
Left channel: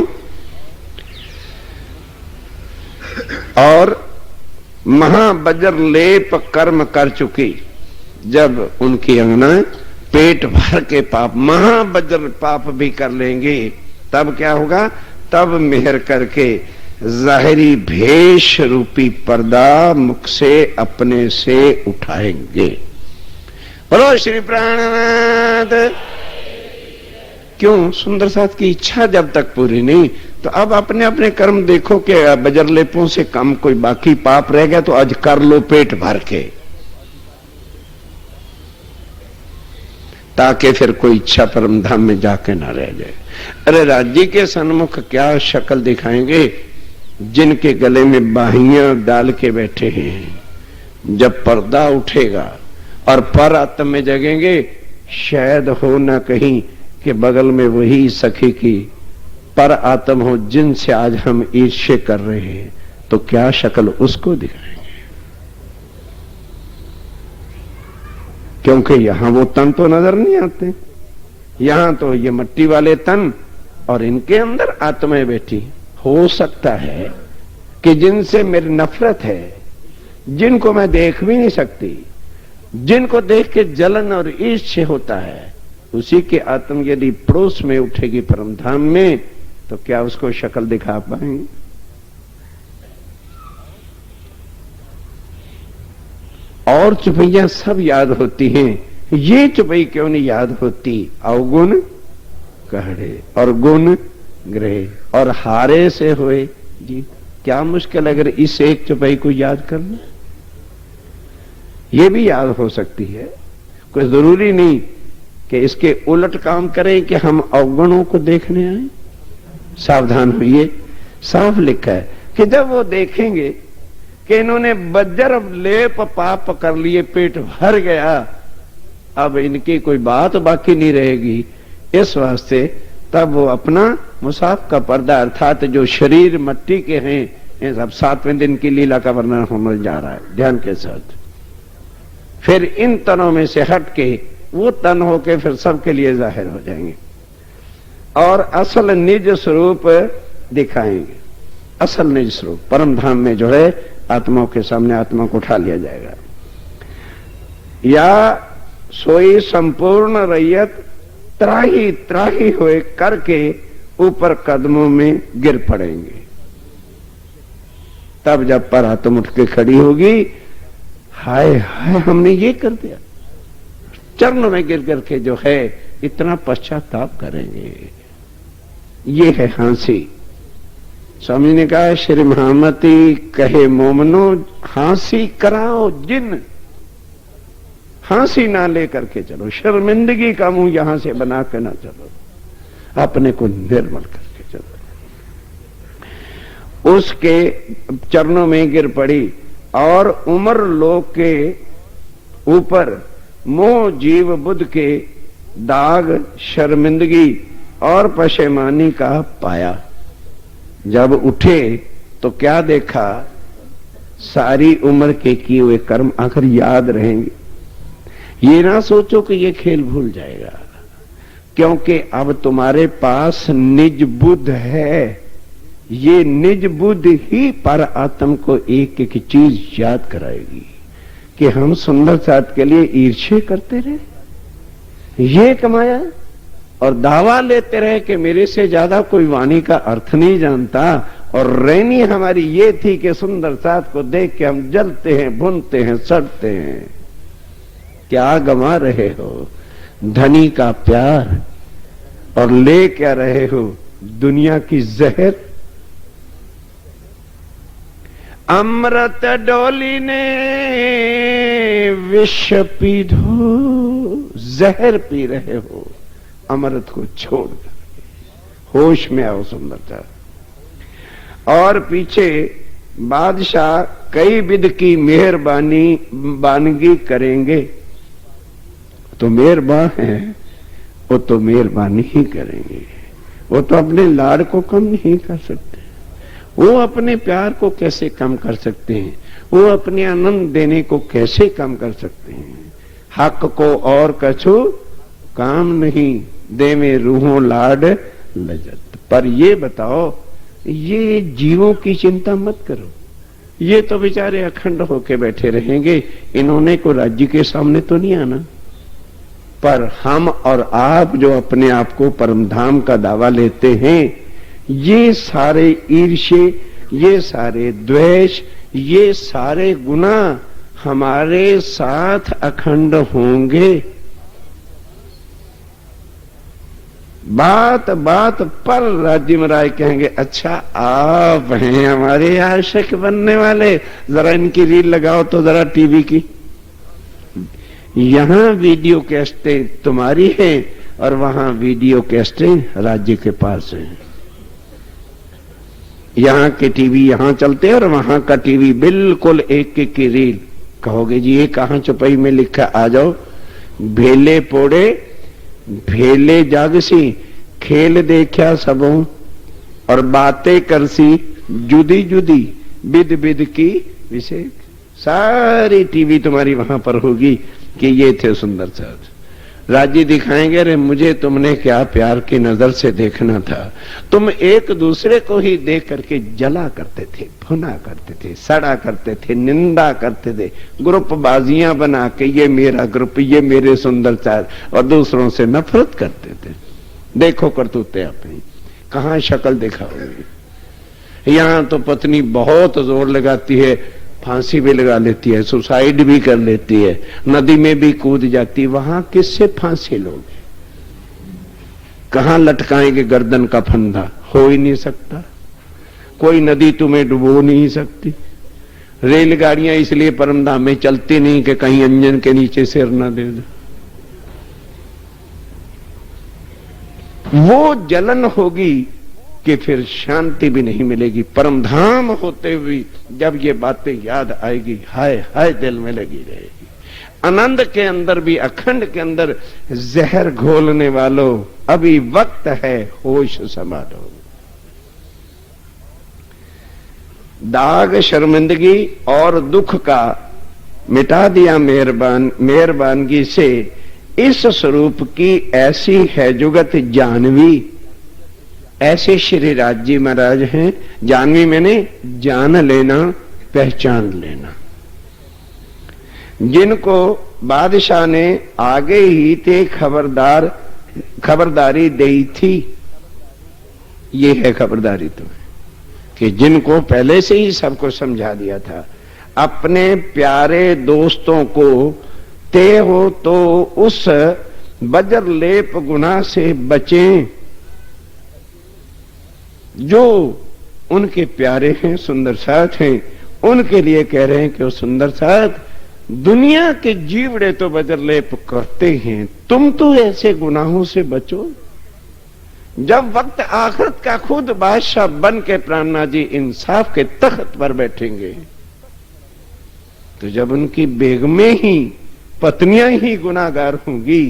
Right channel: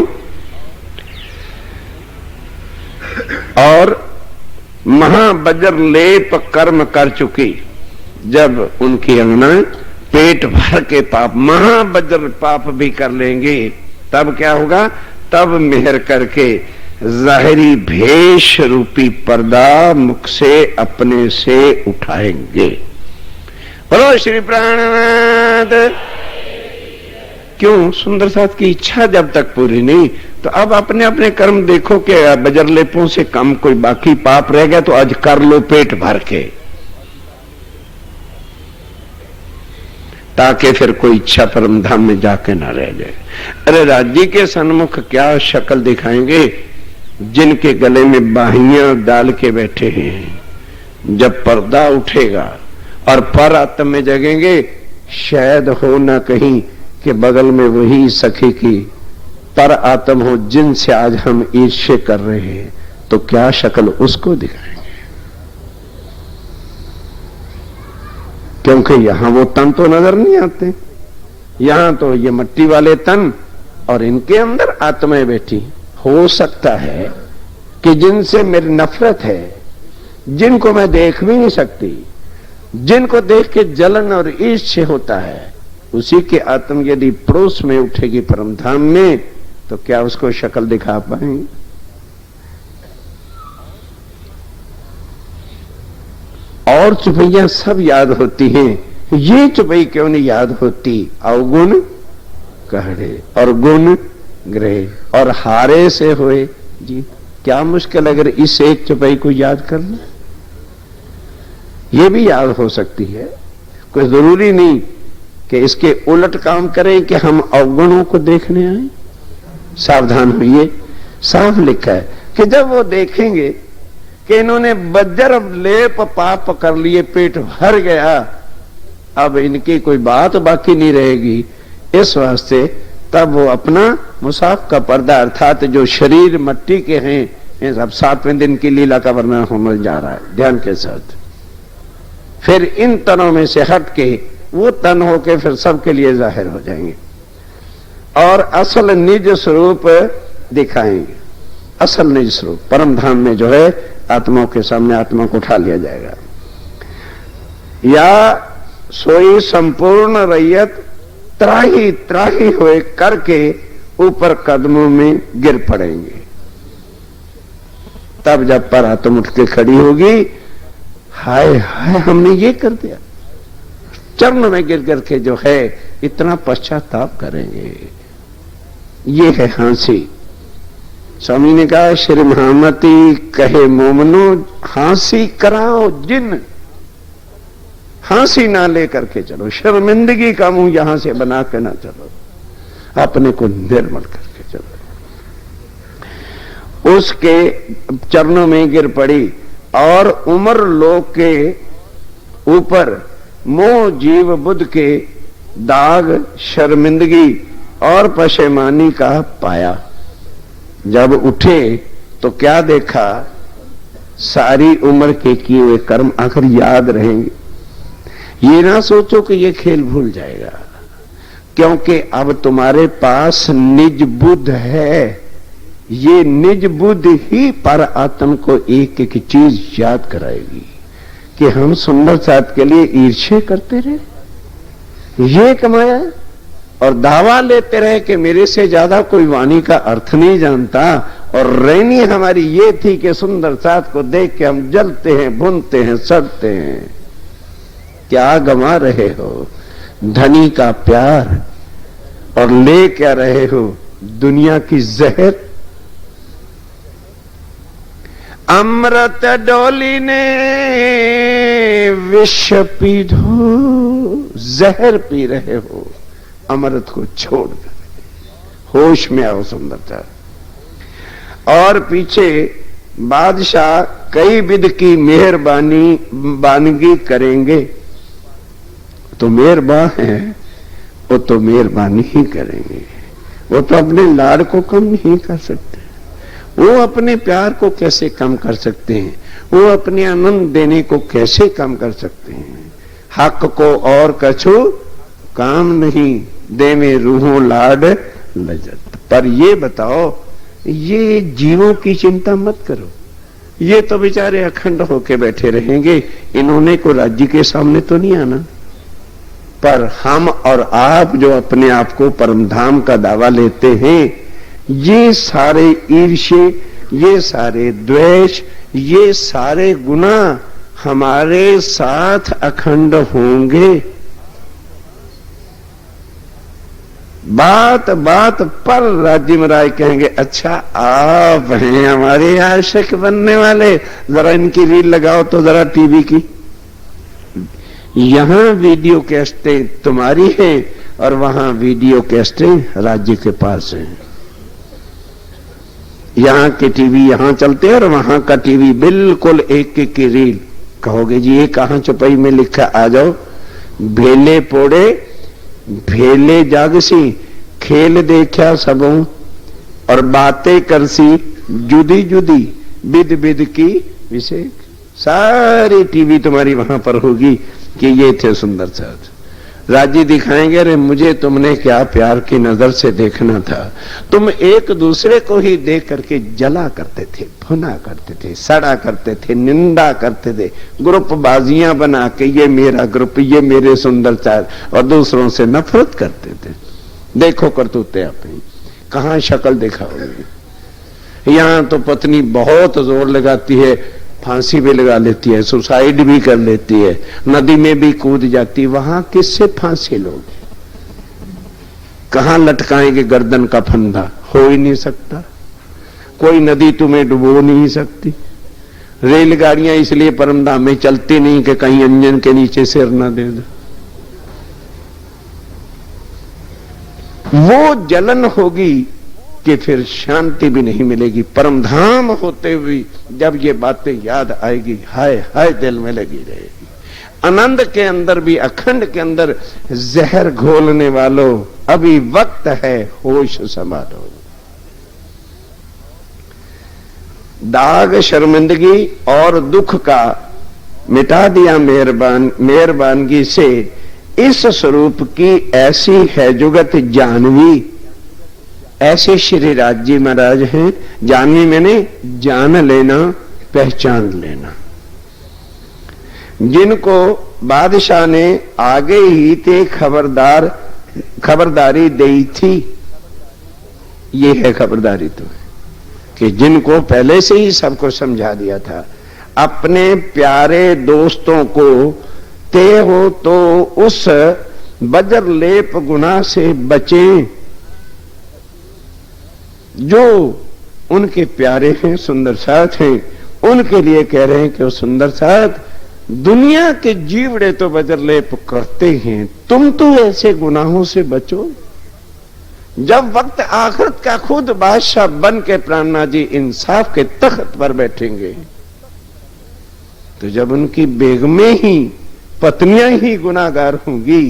और महाबज्र लेप कर्म कर चुकी, जब उनकी अंगना पेट भर के पाप, महाबज्र पाप भी कर लेंगे, तब क्या होगा, तब मेहर करके जाहिरी भेष रूपी पर्दा मुख से अपने से उठाएंगे। बोलो श्री प्राणनाथ। क्यों? सुंदर साथ की इच्छा जब तक पूरी नहीं, तो अब अपने अपने कर्म देखो कि बजरलेपों से कम कोई बाकी पाप रह गया तो आज कर लो पेट भर के, ताकि फिर कोई इच्छा परम धाम में जाके ना रह जाए। अरे राज्य के सन्मुख क्या शक्ल दिखाएंगे जिनके गले में बाहियां डाल के बैठे हैं। जब पर्दा उठेगा और पर आत्म में जगेंगे, शायद हो ना कहीं कि बगल में वही सखी की पर आत्म हो जिनसे आज हम ईर्ष्या कर रहे हैं, तो क्या शक्ल उसको दिखाएंगे। क्योंकि यहां वो तन तो नजर नहीं आते, यहां तो ये मिट्टी वाले तन और इनके अंदर आत्माएं बैठी। हो सकता है कि जिनसे मेरी नफरत है, जिनको मैं देख भी नहीं सकती, जिनको देख के जलन और ईर्ष्या होता है, उसी के आत्म यदि पड़ोस में उठेगी परम धाम में, तो क्या उसको शक्ल दिखा पाएंगे? और चुपैयां सब याद होती हैं, ये चुपई क्यों नहीं याद होती? अवगुण कहड़े और गुण ग्रह और हारे से हुए जीत। क्या मुश्किल अगर इस एक चुपई को याद कर लो, ये भी याद हो सकती है। कोई जरूरी नहीं कि इसके उलट काम करें कि हम अवगुणों को देखने आए। सावधान होइए, साफ लिखा है कि जब वो देखेंगे कि इन्होंने बज्र लेप पाप कर लिए, पेट भर गया, अब इनकी कोई बात बाकी नहीं रहेगी, इस वास्ते तब वो अपना मुसाफ का पर्दा अर्थात जो शरीर मिट्टी के हैं, ये सब 7वें दिन की लीला का वर्णन होने जा रहा है ध्यान के साथ। फिर इन तनों में से हट के वो तन होके फिर सबके लिए जाहिर हो जाएंगे और असल निज स्वरूप दिखाएंगे। असल निज स्वरूप परम धाम में जो है आत्माओं के सामने आत्मा को उठा लिया जाएगा। या सोई संपूर्ण रैयत त्राही त्राही हुए करके ऊपर कदमों में गिर पड़ेंगे। तब जब पर आत्मा उठ के खड़ी होगी, हाय हाय हमने ये कर दिया, चरण में गिर गिर के जो है इतना पश्चाताप करेंगे। ये है हंसी। स्वामी ने कहा श्री महामती कहे मोमनो हंसी कराओ जिन, हंसी ना लेकर के चलो, शर्मिंदगी का मुंह यहां से बना के ना चलो, अपने को निर्मल करके चलो। उसके चरणों में गिर पड़ी और उम्र लोक के ऊपर मोह जीव बुद्ध के दाग शर्मिंदगी और पशेमानी का पाया। जब उठे तो क्या देखा सारी उम्र के किए हुए कर्म आखिर याद रहेंगे। ये ना सोचो कि ये खेल भूल जाएगा, क्योंकि अब तुम्हारे पास निज बुद्ध है। ये निज बुद्ध ही पर आत्म को एक एक चीज याद कराएगी कि हम सुंदर साथ के लिए ईर्ष्या करते रहे, ये कमाया और दावा लेते रहे कि मेरे से ज्यादा कोई वाणी का अर्थ नहीं जानता, और रहनी हमारी ये थी कि सुंदर साथ को देख के हम जलते हैं, भूनते हैं, सड़ते हैं। क्या गंवा रहे हो? धनी का प्यार, और ले क्या रहे हो? दुनिया की जहर। अमृत डोली ने विष पीधो, जहर पी रहे हो, अमृत को छोड़कर होश में आओ सुंदरता। और पीछे बादशाह कई विध की मेहरबानी बानगी करेंगे, तो मेहरबान है वो तो मेहरबानी ही करेंगे। वो तो अपने लाड़ को कम नहीं कर सकते, वो अपने प्यार को कैसे कम कर सकते हैं, वो अपने आनंद देने को कैसे कम कर सकते हैं। हक को और कछु काम नहीं, दे में रूहों लाड लजत। पर ये बताओ, ये जीवों की चिंता मत करो, ये तो बेचारे अखंड होके बैठे रहेंगे, इन्होंने को राज्य के सामने तो नहीं आना। पर हम और आप जो अपने आप को परमधाम का दावा लेते हैं, ये सारे ईर्ष्ये, ये सारे द्वेष, ये सारे गुना हमारे साथ अखंड होंगे। बात बात पर राज्य में राय कहेंगे, अच्छा आप हैं हमारे आशिक बनने वाले, जरा इनकी रील लगाओ तो जरा टीवी की। यहां वीडियो कैसेटें तुम्हारी है और वहां वीडियो कैसेटें राज्य के पास है। यहां के टीवी यहां चलते हैं और वहां का टीवी बिल्कुल एक एक की रील। कहोगे जी ये कहां चौपाई में लिखा? आ जाओ। भेले पोड़े भेले जागसी, खेल देखा सबों और बातें करसी, जुदी जुदी विद विद की विशेष। सारी टीवी तुम्हारी वहां पर होगी कि ये थे सुंदर साथ। राज्य दिखाएंगे, अरे मुझे तुमने क्या प्यार की नजर से देखना था। तुम एक दूसरे को ही देख करके जला करते थे, भुना करते थे, सड़ा करते थे, निंदा करते थे, ग्रुप बाजियां बना के ये मेरा ग्रुप, ये मेरे सुंदर साथ, और दूसरों से नफरत करते थे। देखो करतूते अपनी, कहां शक्ल दिखाओगे। यहां तो पत्नी बहुत जोर लगाती है, फांसी भी लगा लेती है, सुसाइड भी कर लेती है, नदी में भी कूद जाती है। वहां किससे फांसी लोगे? कहां लटकाएंगे गर्दन का फंदा? हो ही नहीं सकता। कोई नदी तुम्हें डुबो नहीं सकती। रेलगाड़ियां इसलिए परमधाम में चलती नहीं कि कहीं इंजन के नीचे सिर न दे दो। वो जलन होगी कि फिर शांति भी नहीं मिलेगी। परमधाम होते हुए जब ये बातें याद आएगी, हाय हाय दिल में लगी रहेगी। आनंद के अंदर भी, अखंड के अंदर जहर घोलने वालों, अभी वक्त है, होश संभालो। दाग शर्मिंदगी और दुख का मिटा दिया मेहरबानगी से। इस स्वरूप की ऐसी है जुगत जानवी। ऐसे श्री राज महाराज हैं। जानवी मैंने जान लेना, पहचान लेना, जिनको बादशाह ने आगे ही ते खबरदारी दी थी। ये है खबरदारी तो, कि जिनको पहले से ही सबको समझा दिया था। अपने प्यारे दोस्तों को ते हो तो उस बजर लेप गुनाह से बचें जो उनके प्यारे हैं, सुंदर साथ हैं। उनके लिए कह रहे हैं कि वो सुंदर साथ, दुनिया के जीवड़े तो बजर लेप करते हैं, तुम तो ऐसे गुनाहों से बचो। जब वक्त आखिरत का खुद बादशाह बन के प्राणनाथ जी इंसाफ के तख्त पर बैठेंगे, तो जब उनकी बेगमें ही, पत्नियां ही गुनाहगार होंगी,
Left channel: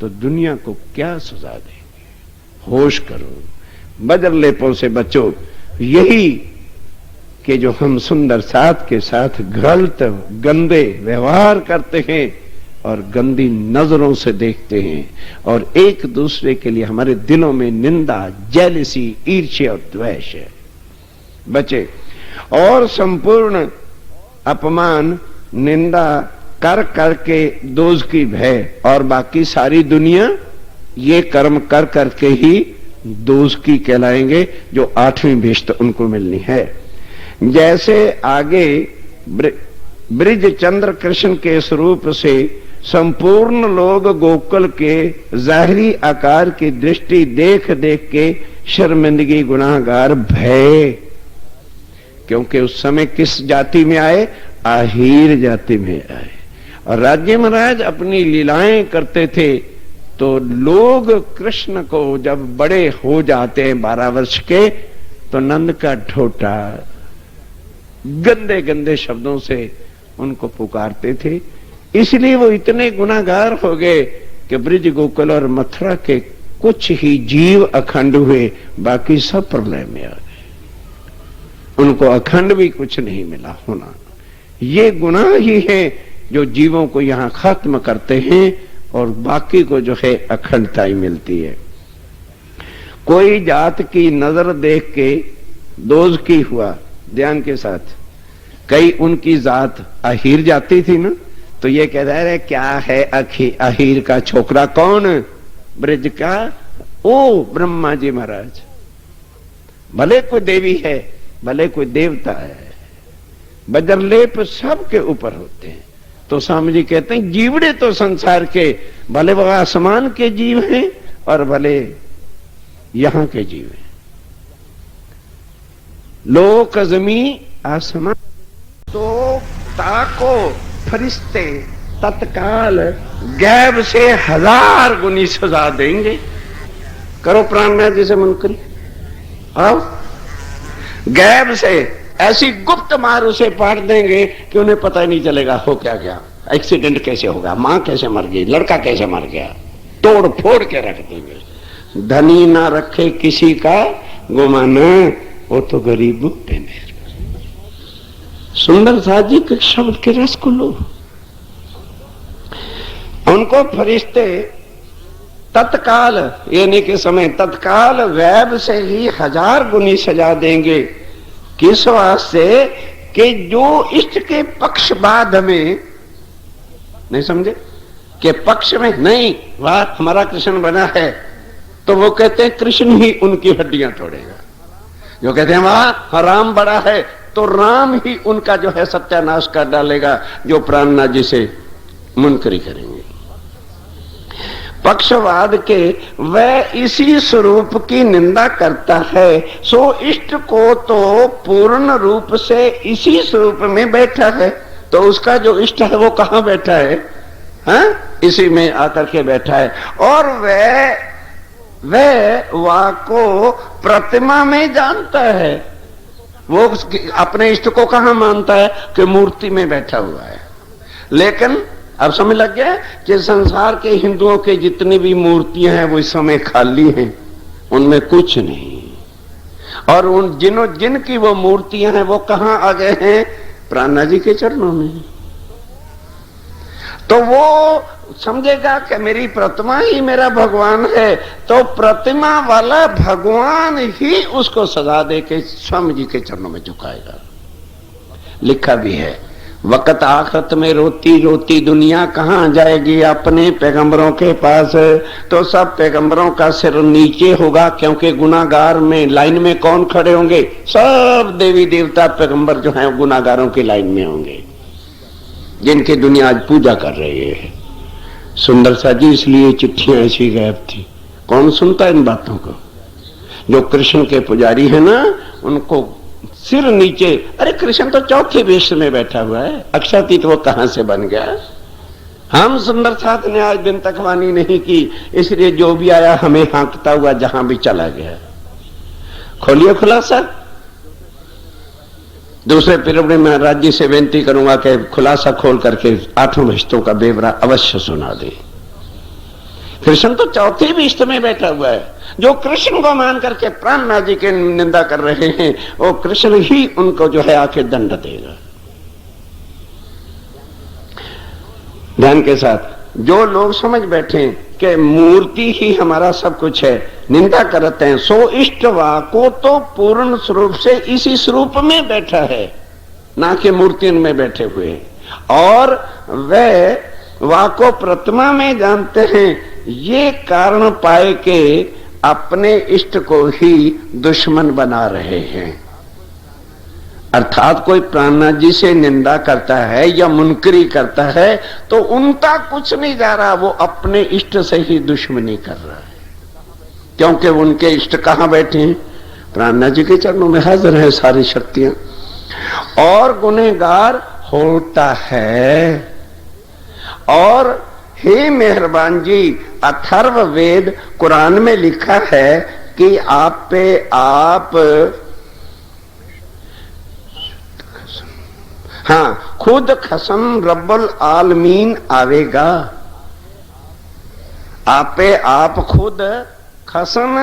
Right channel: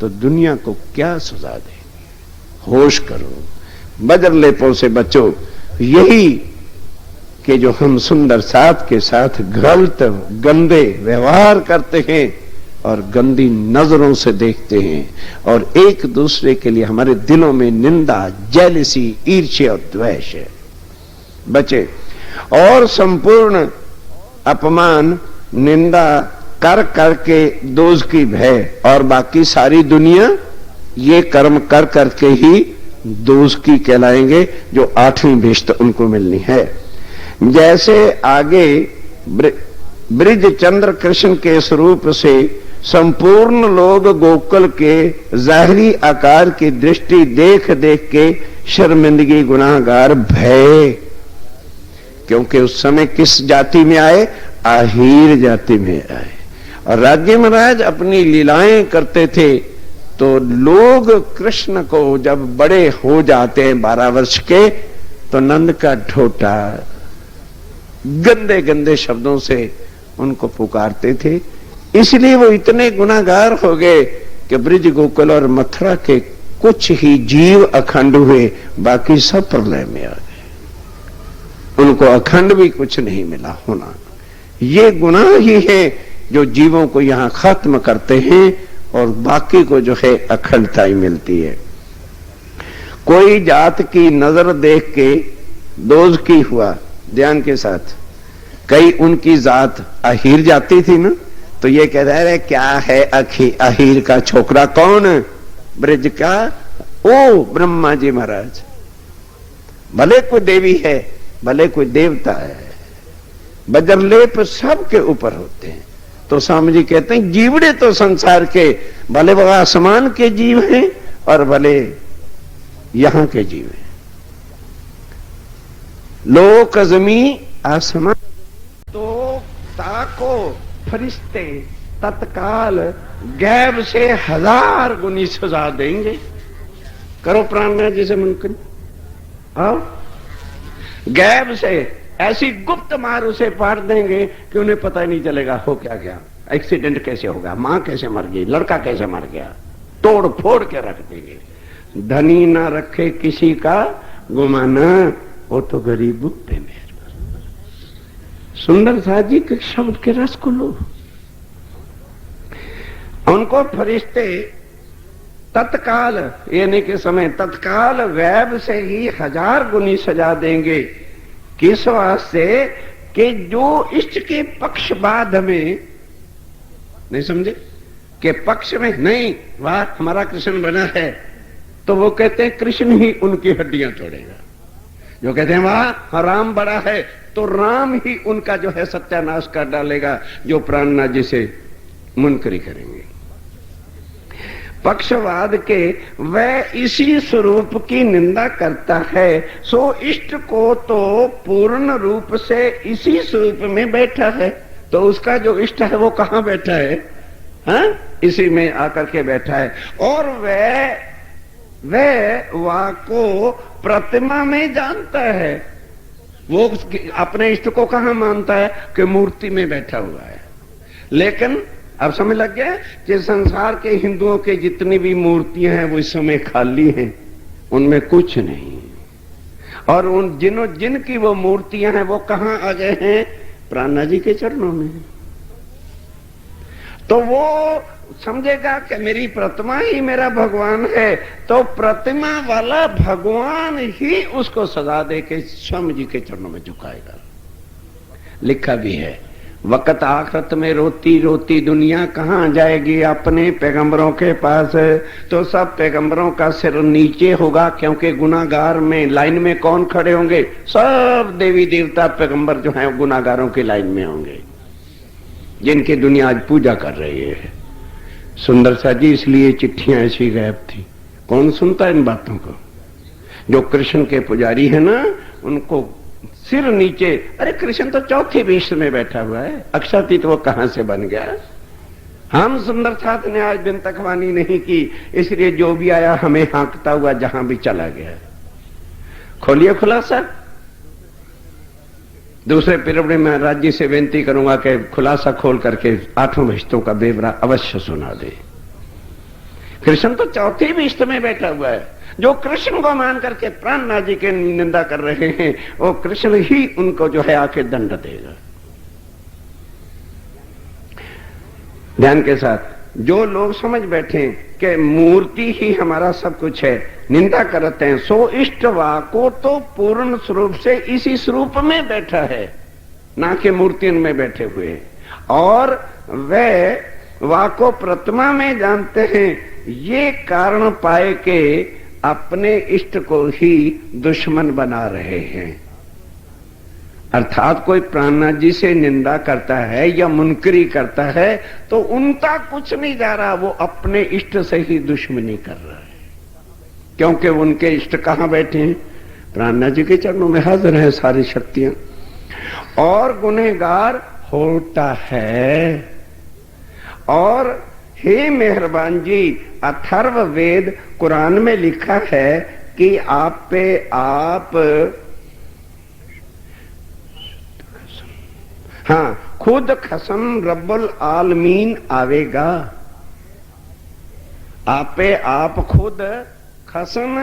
तो दुनिया को क्या सजा देंगे? होश करो, बजर लेपों से बचो। यही कि जो हम सुंदर साथ के साथ गलत गंदे व्यवहार करते हैं और गंदी नजरों से देखते हैं और एक दूसरे के लिए हमारे दिलों में निंदा, जेलसी, ईर्ष्या और द्वेष है, बचे। और संपूर्ण अपमान, निंदा कर करके दोज़की भय और बाकी सारी दुनिया ये कर्म कर करके ही दोज़की कहलाएंगे, जो 8वीं भिष्ट उनको मिलनी है। जैसे आगे ब्रिज चंद्र कृष्ण के स्वरूप से संपूर्ण लोग गोकुल के जाहिरी आकार की दृष्टि देख देख के शर्मिंदगी, गुनाहगार, भय, क्योंकि उस समय किस जाति में आए? आहीर जाति में आए। और राज्य महाराज अपनी लीलाएं करते थे तो लोग कृष्ण को जब बड़े हो जाते हैं 12 वर्ष के, तो नंद का ढोटा गंदे गंदे शब्दों से उनको पुकारते थे। इसलिए वो इतने गुनाहगार हो गए कि ब्रिज, गोकुल और मथुरा के कुछ ही जीव अखंड हुए, बाकी सब प्रलय में आ गए। उनको अखंड भी कुछ नहीं मिला होना। ये गुनाह ही है जो जीवों को यहां खत्म करते हैं और बाकी को जो है अखंडता ही मिलती है। कोई जात की नजर देख के दोज़की हुआ, ध्यान के साथ। कई उनकी जात अहीर जाती थी ना, तो ये कह रहे क्या है अहीर का छोकरा? कौन? ब्रिज का ओ ब्रह्मा जी महाराज। भले कोई देवी है, भले कोई देवता है, बजरलेप सबके ऊपर होते हैं। तो स्वामी जी कहते हैं जीवड़े तो संसार के, भले वो आसमान के जीव हैं और भले यहां के जीव हैं। लोक जमी आसमान, तो ताको फरिश्ते तत्काल गैब से 1000 गुनी सजा देंगे। करो प्राणनाथ जी से मन करी, आओ। गैब से ऐसी गुप्त मार उसे पाट देंगे कि उन्हें पता ही नहीं चलेगा हो क्या गया, एक्सीडेंट कैसे होगा, मां कैसे मर गई, लड़का कैसे मर गया, तोड़ फोड़ के रख देंगे। धनी ना रखे किसी का गुमाना, वो तो गरीबों पे मेहरबान। सुंदर साथ जी के शब्द के रस को लो। उनको फरिश्ते तत्काल, यानी के समय तत्काल वैब से ही 1000 गुनी सजा देंगे। किस वास्ते? कि जो इष्ट के पक्षपात में, नहीं समझे, कि पक्ष में नहीं, वाह हमारा कृष्ण बना है, तो वो कहते हैं कृष्ण ही उनकी हड्डियां तोड़ेगा। जो कहते हैं वाह राम बड़ा है, तो राम ही उनका जो है सत्यानाश कर डालेगा, जो प्राणनाथ जी से मुनकरी करेंगे। पक्षवाद के वह इसी स्वरूप की निंदा करता है, सो इष्ट को तो पूर्ण रूप से इसी स्वरूप में बैठा है। तो उसका जो इष्ट है वो कहां बैठा है? हाँ? इसी में आकर के बैठा है। और वह को प्रतिमा में जानता है। वो अपने इष्ट को कहां मानता है? कि मूर्ति में बैठा हुआ है। लेकिन अब समझ लग गया कि संसार के हिंदुओं के जितनी भी मूर्तियां हैं वो इस समय खाली हैं, उनमें कुछ नहीं। और उन जिनकी वो मूर्तियां हैं वो कहां आ गए हैं? प्राणनाथ जी के चरणों में। तो वो समझेगा कि मेरी प्रतिमा ही मेरा भगवान है, तो प्रतिमा वाला भगवान ही उसको सजा दे के स्वामी जी के चरणों में झुकाएगा। लिखा भी है, वक़्त आखिरत में रोती रोती दुनिया कहां जाएगी? अपने पैगंबरों के पास है। तो सब पैगंबरों का सिर नीचे होगा, क्योंकि गुनाहगार में लाइन में कौन खड़े होंगे? सब देवी देवता पैगंबर जो हैं गुनाहगारों की लाइन में होंगे, जिनकी दुनिया आज पूजा कर रही है। सुंदर सा जी, इसलिए चिट्ठियां ऐसी गायब थी। कौन सुनता इन बातों को? जो कृष्ण के पुजारी है ना, उनको सिर नीचे। अरे कृष्ण तो चौथी विश्व में बैठा हुआ है, अक्षातीत वो कहां से बन गया? हम सुंदर साथ ने आज दिन तक वाणी नहीं की, इसलिए जो भी आया हमें हाँकता हुआ जहां भी चला गया। खोलिए खुलासा। दूसरे पीरियड में मैं राज्य से विनती करूंगा कि खुलासा खोल करके 8 विश्वों का बेवरा अवश्य सुना दे। कृष्ण तो चौथी विश्व में बैठा हुआ है। जो कृष्ण को मान करके प्राणनाथ जी की निंदा कर रहे हैं, वो कृष्ण ही उनको जो है आखिर दंड देगा। ध्यान के साथ जो लोग समझ बैठे कि मूर्ति ही हमारा सब कुछ है, निंदा करते हैं, सो इष्टवा को तो पूर्ण स्वरूप से इसी स्वरूप में बैठा है, ना कि मूर्तियों में बैठे हुए हैं। और वे वाको प्रतिमा में जानते हैं, ये कारण पाए के अपने इष्ट को ही दुश्मन बना रहे हैं। अर्थात कोई प्राणनाथ जी से निंदा करता है या मुनकरी करता है तो उनका कुछ नहीं जा रहा, वो अपने इष्ट से ही दुश्मनी कर रहा है, क्योंकि उनके इष्ट कहां बैठे हैं? प्राणनाथ जी के चरणों में हाजिर है सारी शक्तियां। और गुनहगार होता है। और हे मेहरबान जी, अथर्व वेद कुरान में लिखा है कि आप पे आप खुद खसम रब्बुल आलमीन आवेगा। आप पे आप खुद खसम,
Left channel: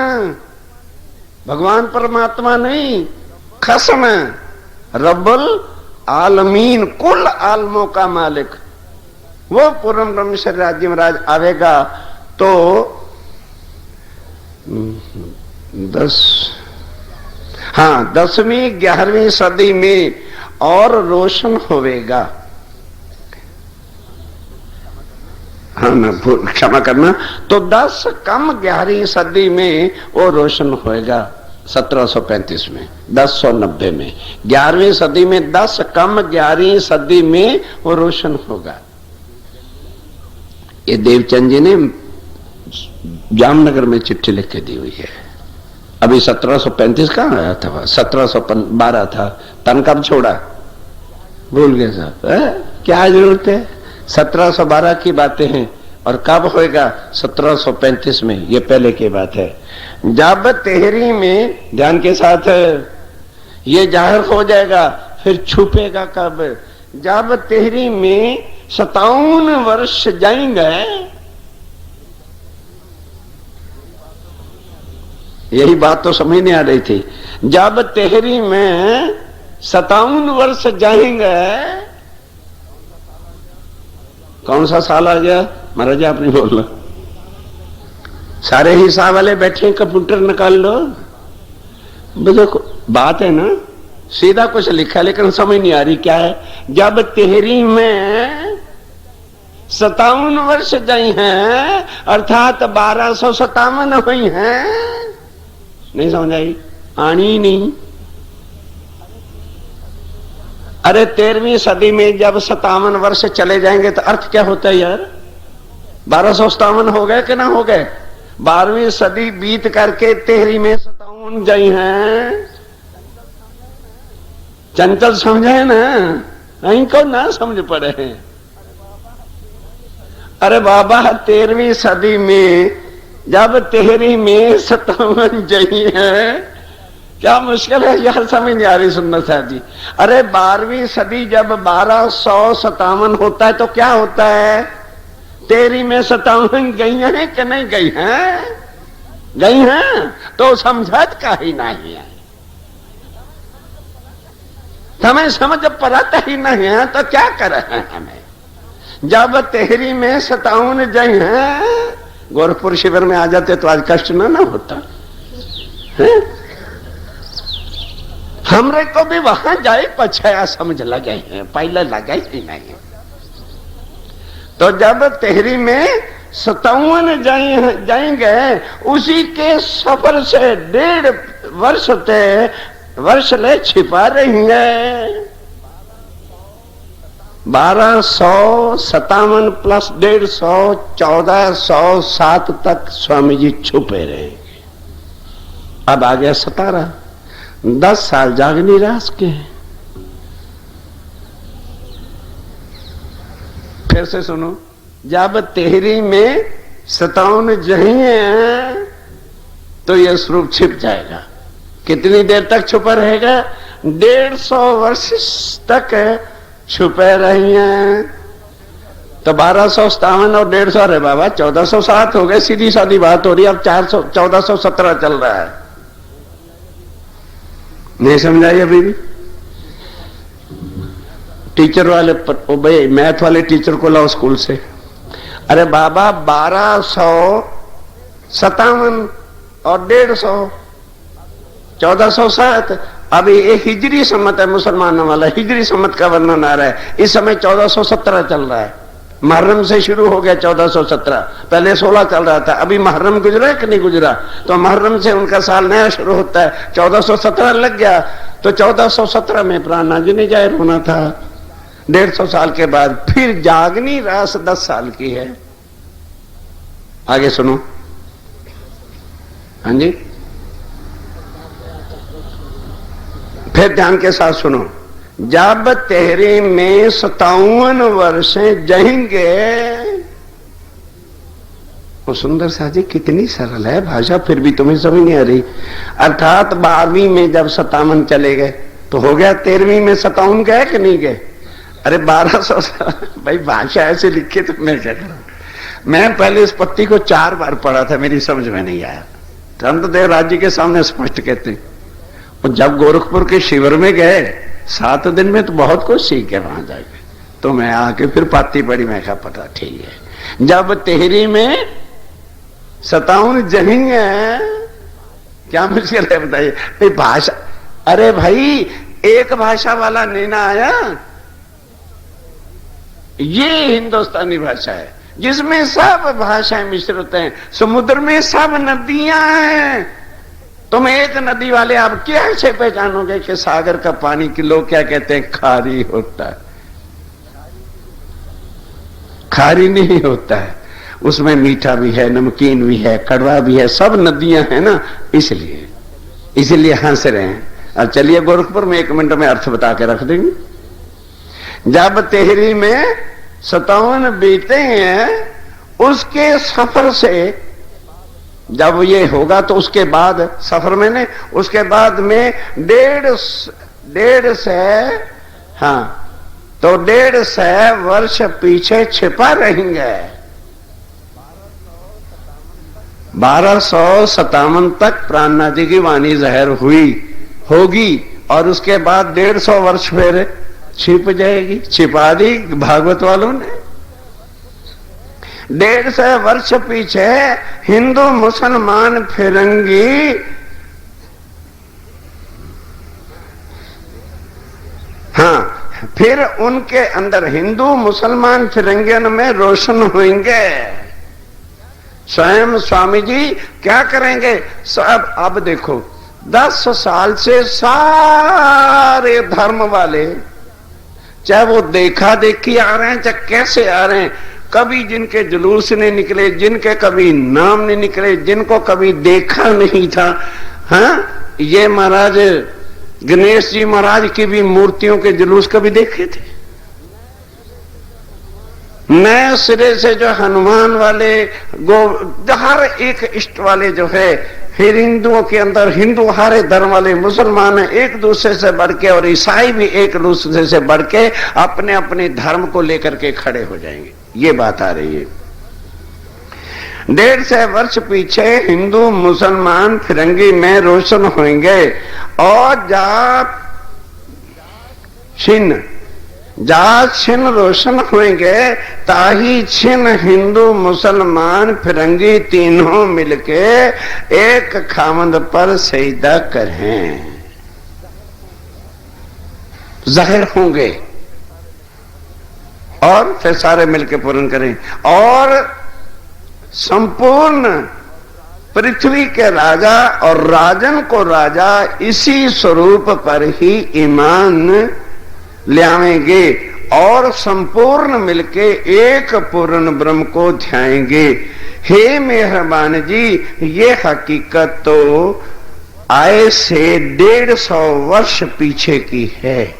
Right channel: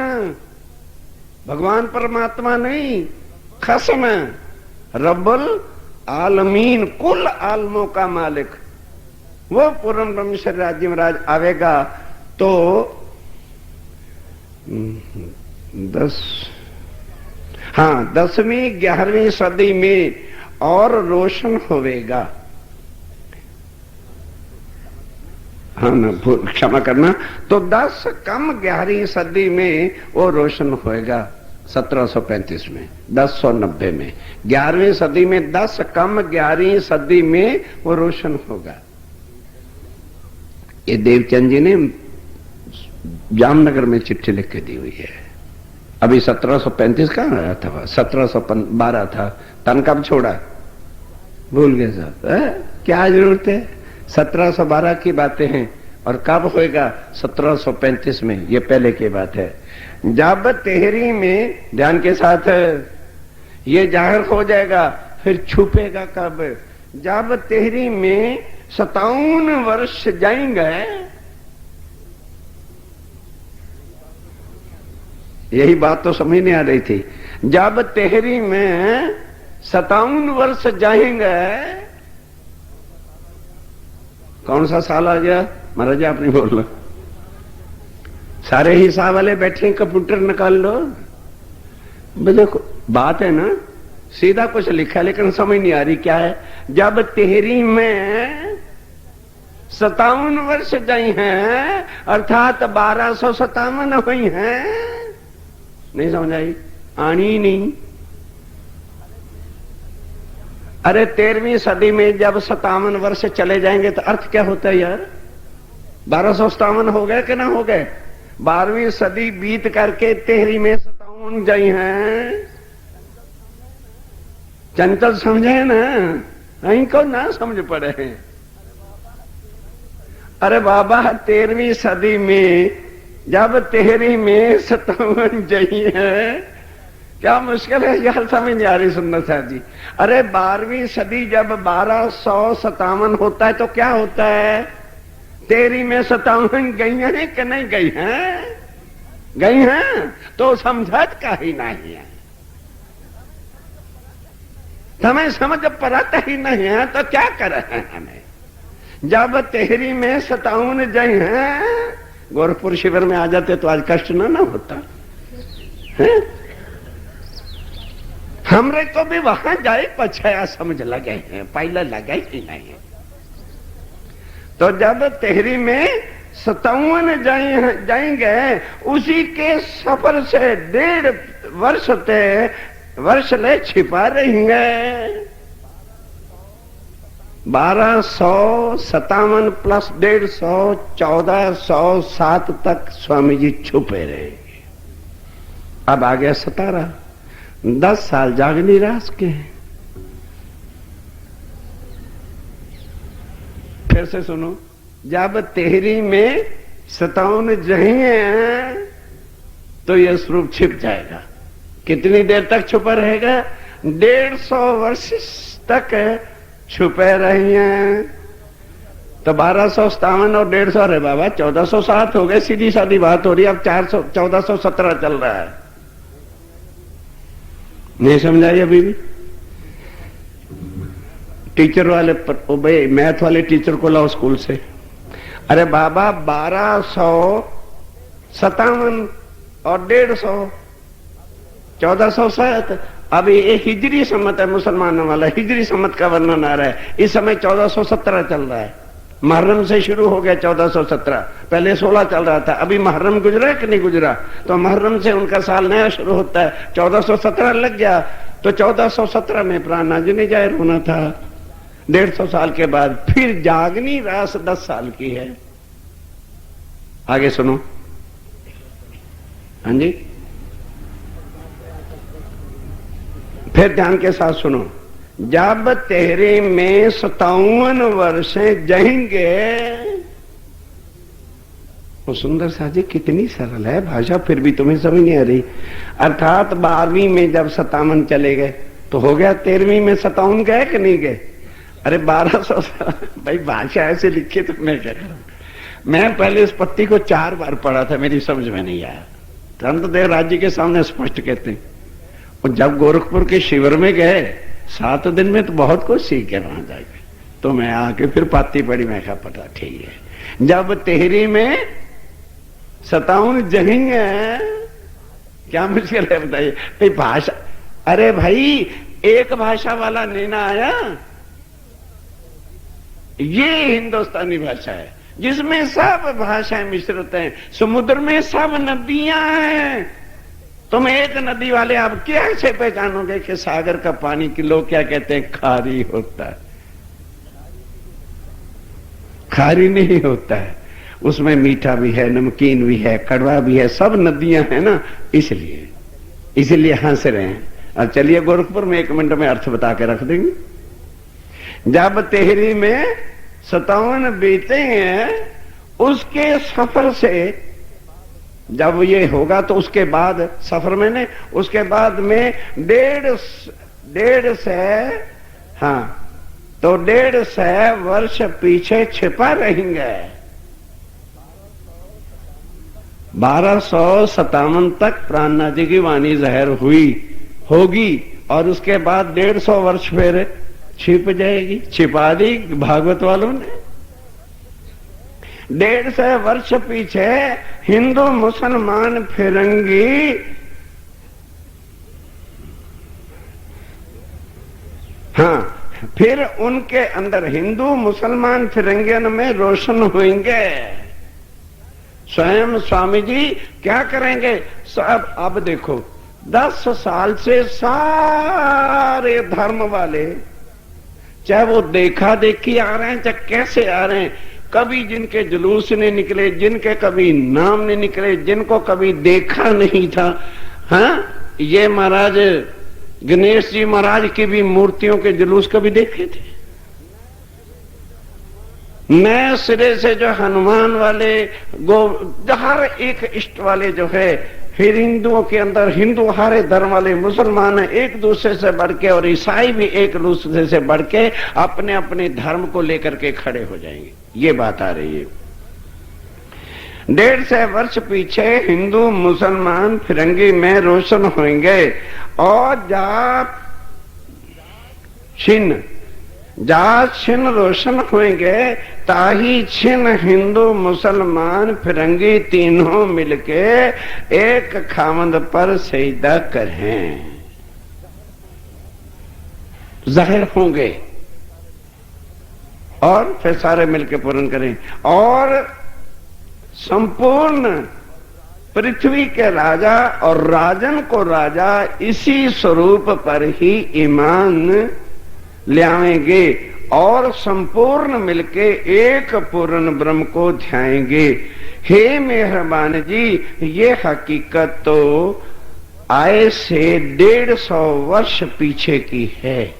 भगवान परमात्मा नहीं, खसम रब्बुल आलमीन, कुल आलमों का मालिक, वो पूर्ण ब्रह्मचर्य राज्य में राज आवेगा। तो 10वीं 11वीं सदी में और रोशन होवेगा। क्षमा करना, तो 10 कम 11वीं सदी में वो रोशन होएगा। 1735 में, 1090 में, 11वीं सदी में 10 कम 11वीं सदी में वो रोशन होगा। ये देवचंद जी ने जामनगर में चिट्ठी लिख के दी हुई है। अभी 1735 कहां आया था? 1712 था। तन कब छोड़ा? भूल गए साहब, क्या जरूरत है? 1712 की बातें हैं। और कब होएगा? 1735 में। ये पहले की बात है। जब तेहरी में, ध्यान के साथ है, ये जाहिर हो जाएगा, फिर छुपेगा कब? जब तेहरी में 57 वर्ष जाएंगे, यही बात तो समझ नहीं आ रही थी। जब तेहरी में 57 वर्ष जाएंगे, कौन सा साल आ गया महाराज? आप नहीं बोल लो, सारे हिसाब वाले बैठे, कंप्यूटर निकाल लो। देखो बात है ना, सीधा कुछ लिखा लेकिन समझ नहीं आ रही क्या है। जब तेहरी में 57 वर्ष गई हैं, अर्थात 1257 हुई हैं, नहीं समझ आई? आनी नहीं। अरे 13वीं सदी में जब 57 वर्ष चले जाएंगे तो अर्थ क्या होता है यार? 1257 हो गए कि ना हो गए? 12वीं सदी बीत करके तेहरी में 57 गई हैं। चंचल समझे ना, इनको ना समझ पड़े हैं। अरे बाबा 13वीं सदी में जब तेहरी में 57 गई है, क्या मुश्किल है यार? समझ नहीं आ रही सुनना साहब जी। अरे 12वीं सदी जब 1257 होता है तो क्या होता है? तेरी में 57 गई है कि नहीं गई हैं? गई हैं, तो समझत का ही नहीं है। हमें समझ पड़ता ही नहीं है तो क्या कर रहे हैं हमें? जब तेहरी में 57 गई हैं, गोरखपुर शिविर में आ जाते तो आज कष्ट ना होता है? हमरे को भी वहां जाए पछाया समझ लगे हैं, पहले लगे ही नहीं। तो जब तेहरी में 57 जाएंगे, उसी के सफर से 1.5 वर्ष ले छिपा रहेंगे। 1257 प्लस 150, 1407 तक स्वामी जी छुपे रहेंगे। अब आ गया 17, 10 साल जागनी रास के हैं। फिर से सुनो, जब तेहरी में 57 जहिए तो यह स्वरूप छिप जाएगा। कितनी देर तक छुपा रहेगा? 150 वर्ष तक छुपे रही हैं। तो 1257 और 150, अरे बाबा 1407 हो गए, सीधी सादी बात हो रही है। अब 1417 चल रहा है, नहीं समझाई अभी भी? टीचर वाले भाई मैथ वाले टीचर को लाओ स्कूल से। अरे बाबा 1257 और 150, 1407। अभी ये हिजरी सम्मत है मुसलमानों वाला, हिजरी सम्मत का वर्णन आ रहा है। इस समय 1417 चल रहा है, मुहर्रम से शुरू हो गया 1417, पहले 16 चल रहा था। अभी मुहर्रम गुजरा कि नहीं गुजरा? तो मुहर्रम से उनका साल नया शुरू होता है, 1417 लग गया। तो 1417 में प्राणनाथ जी ने जाहिर होना था। 150 साल के बाद फिर जागनी रास 10 साल की है। आगे सुनो। हाँ जी, फिर ध्यान के साथ सुनो। जब तेरे में 57 वर्ष जाएंगे। वो सुंदर सा जी कितनी सरल है भाषा, फिर भी तुम्हें समझ नहीं आ रही। अर्थात 12वीं में जब 57 चले गए तो हो गया 13वीं में 57 गए कि नहीं गए? अरे 1200 भाई भाषा ऐसे लिखी तो मैं क्या करूं? मैं पहले इस पत्ती को 4 बार पढ़ा था, मेरी समझ में नहीं आया। चंद्रदेव राज जी के सामने स्पष्ट कहते हैं। और जब गोरखपुर के शिविर में गए 7 दिन में तो बहुत कुछ सीख के वहां जाके, तो मैं आके फिर पाती पड़ी, मैं कहा पता ठीक है। जब तेहरी में 57 जनेंगे, क्या मुश्किल है बताइए? भाषा, अरे भाई एक भाषा वाला नहीं ना आया, ये हिंदुस्तानी भाषा है जिसमें सब भाषाएं मिश्रित हैं। समुद्र में सब नदियां हैं। तुम एक नदी वाले आप क्या से पहचानोगे कि सागर का पानी के लोग क्या कहते हैं? खारी होता है। खारी नहीं होता है, उसमें मीठा भी है, नमकीन भी है, कड़वा भी है, सब नदियां हैं ना, इसलिए हंस रहे हैं। अब चलिए गोरखपुर में 1 मिनट में अर्थ बता के रख देंगे। जब तेहरी में 57 बीतेंगे, उसके सफर से जब ये होगा तो उसके बाद सफर में ने उसके बाद में 150 हाँ, तो 150 वर्ष पीछे छिपा रहेंगे। 1257 तक प्राणनाथ जी की वाणी जाहिर होगी और उसके बाद 150 वर्ष फिर छिप जाएगी। छिपा दी भागवत वालों ने। 150 वर्ष पीछे हिंदू मुसलमान फिरंगी हाँ, फिर उनके अंदर हिंदू मुसलमान फिरंगियन में रोशन होंगे। स्वयं स्वामी जी क्या करेंगे? सब अब देखो 10 साल से सारे धर्म वाले, चाहे वो देखा देखी आ रहे हैं चाहे कैसे आ रहे हैं, कभी जिनके जुलूस नहीं निकले, जिनके कभी नाम नहीं निकले, जिनको कभी देखा नहीं था, हाँ, ये महाराज गणेश जी महाराज की भी मूर्तियों के जुलूस कभी देखे थे? नए सिरे से जो हनुमान वाले हर एक इष्ट वाले जो है, फिर हिंदुओं के अंदर हिंदू हरे धर्म वाले, मुसलमान एक दूसरे से बढ़ के और ईसाई भी एक दूसरे से बढ़ के अपने अपने धर्म को लेकर के खड़े हो जाएंगे। ये बात आ रही है। 150 वर्ष पीछे हिंदू मुसलमान फिरंगी में रोशन होंगे और जा छिन रोशन होंगे, ताही छिन हिंदू मुसलमान फिरंगी तीनों मिलके एक खामद पर सजदा करें, जाहिर होंगे और फिर सारे मिलके पूर्ण करें। और संपूर्ण पृथ्वी के राजा और राजन को राजा इसी स्वरूप पर ही ईमान ले आवेंगे और संपूर्ण मिलके एक पूर्ण ब्रह्म को ध्याएंगे। हे मेहरबान जी, ये हकीकत तो आए से 150 वर्ष पीछे की है।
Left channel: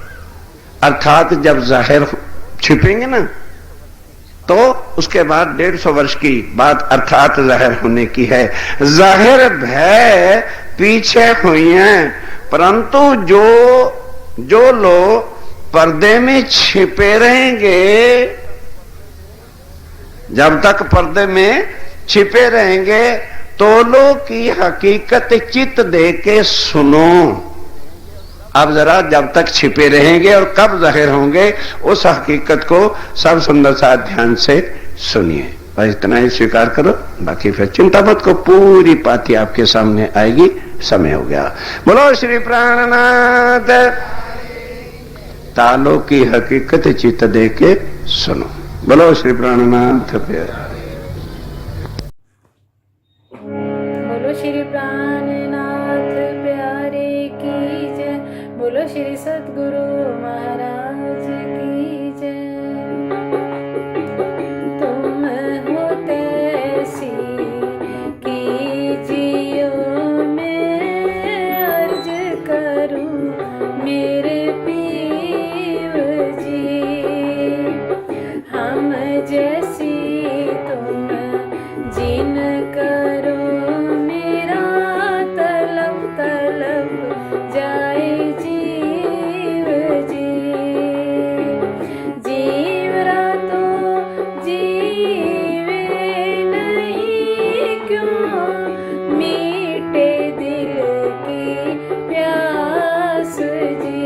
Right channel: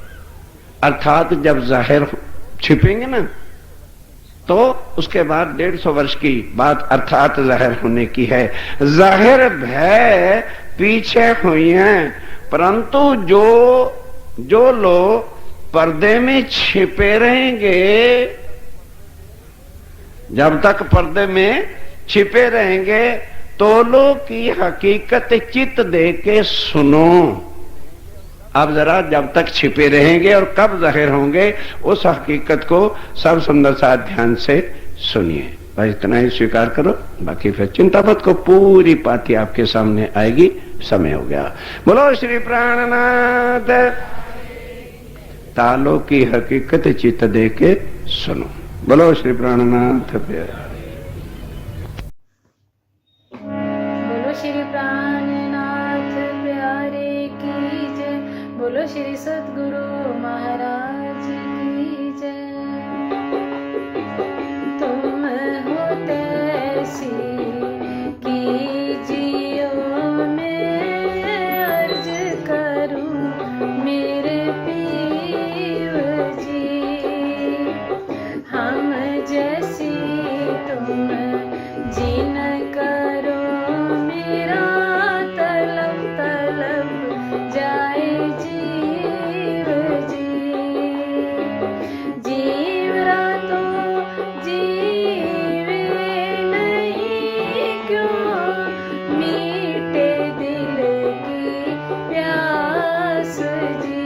अर्थात जब जाहिर छिपेंगे ना तो उसके बाद 150 वर्ष की बात अर्थात जाहिर होने की है। जाहिर भय पीछे हुई हैं, परंतु जो लोग पर्दे में छिपे रहेंगे जब तक पर्दे में छिपे रहेंगे तोलो की हकीकत चित दे के सुनो। अब जरा जब तक छिपे रहेंगे और कब जाहिर होंगे उस हकीकत को सब सुंदर सा ध्यान से सुनिए। बस इतना ही स्वीकार करो, बाकी फिर चिंता मत को, पूरी पाती आपके सामने आएगी। समय हो गया। बोलो श्री प्राणनाथ। तालों की हकीकत चित्त दे के सुनो। बोलो श्री प्राणनाथ। बोलो श्री प्राणनाथ प्यारे की जय। बोलो श्री सद्गुरु महाराज की जय। तुम हो तैसी कीजियो मैं अर्ज करूं मेरे पीर जी। हम जैसी तुम जिन करो मेरा तलब तलब जाए जीव जी। जीवरा तो जीवे नहीं क्यों मीठे दिल की प्यास जी।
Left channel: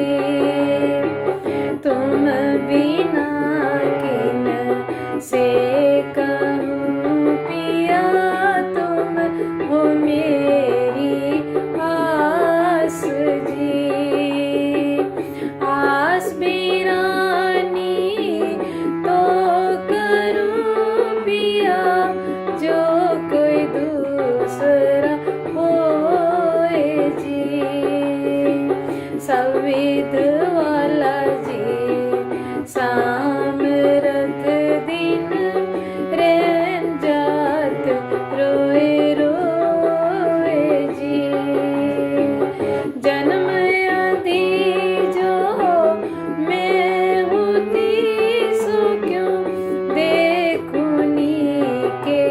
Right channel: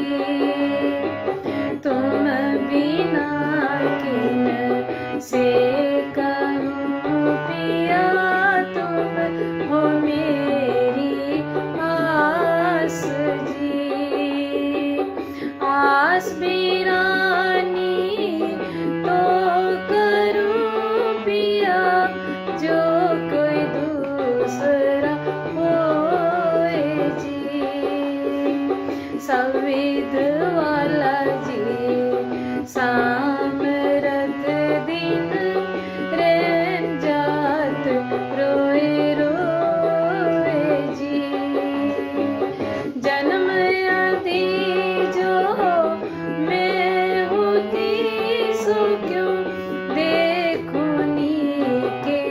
तुम बिना किन से कहूँ पिया तुम हो मेरी आस जी। आस बिरानी तो करूँ पिया जो कोई दूसरा होए जी। संविद वाला जी सामरत दिन रैन जात रोए रोए जी। जन्म आदि जो मैं होती सो क्यों देखूनी के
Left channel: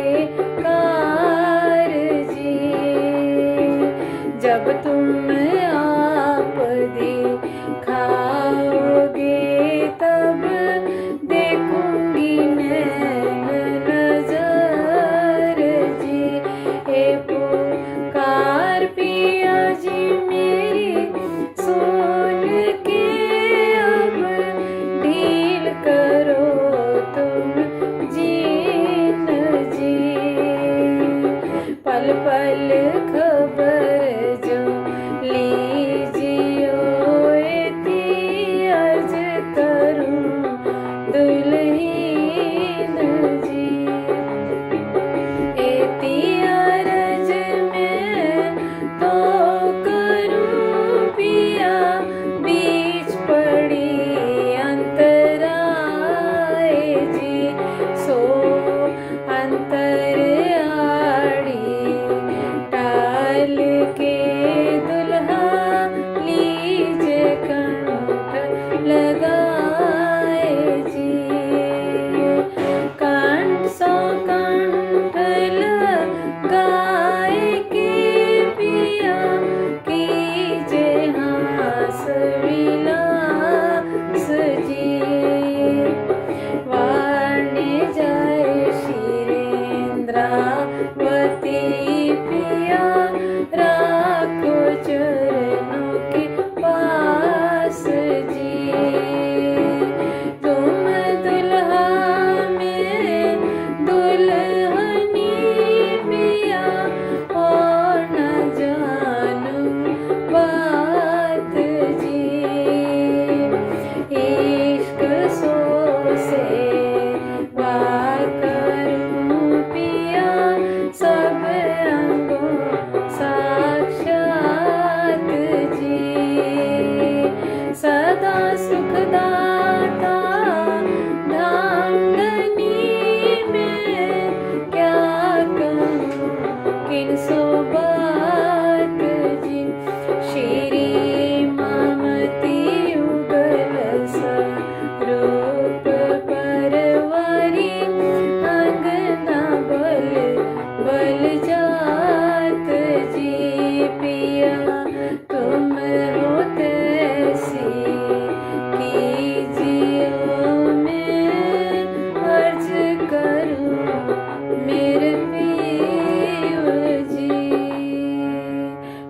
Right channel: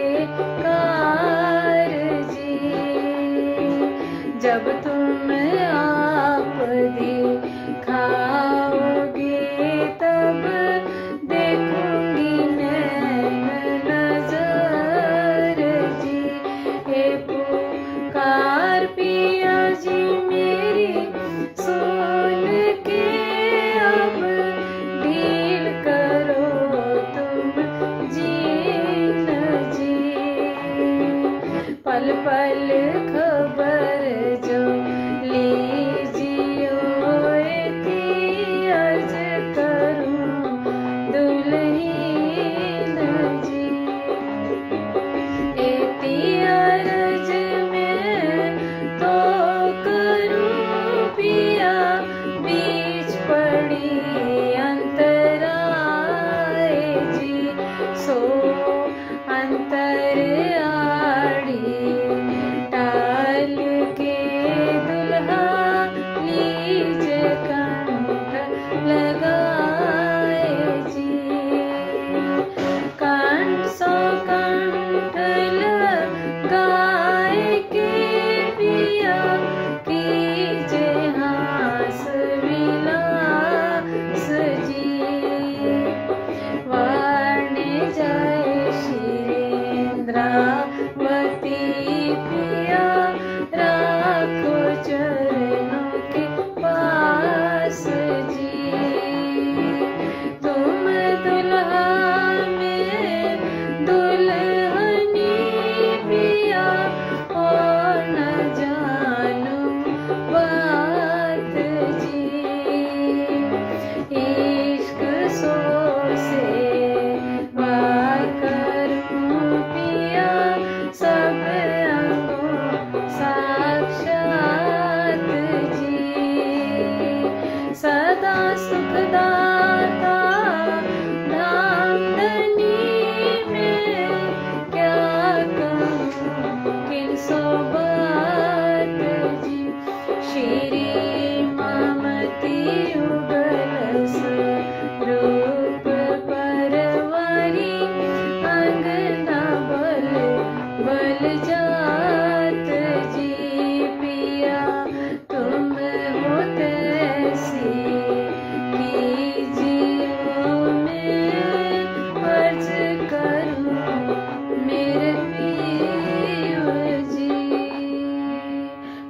कार जी। जब तुम आप दिखाओगे तब देखूंगी मैं नजर जी। हे पुकार पिया जी मेरी सुन के अब ढील करो तुम जीन जी। पल पल खबर जो लीजियो इति अर्ज करूं दुल्हीन जी। इति अर्ज मैं तो करूं पिया बीच पड़ी अंतराए जी। सो अंतर आड़ी टाल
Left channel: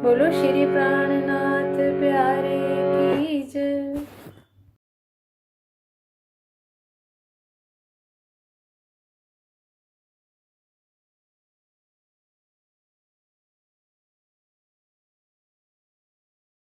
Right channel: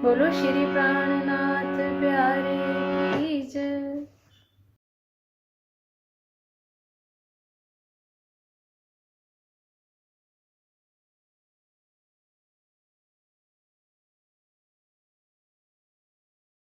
बोलो श्री प्राणनाथ प्यारे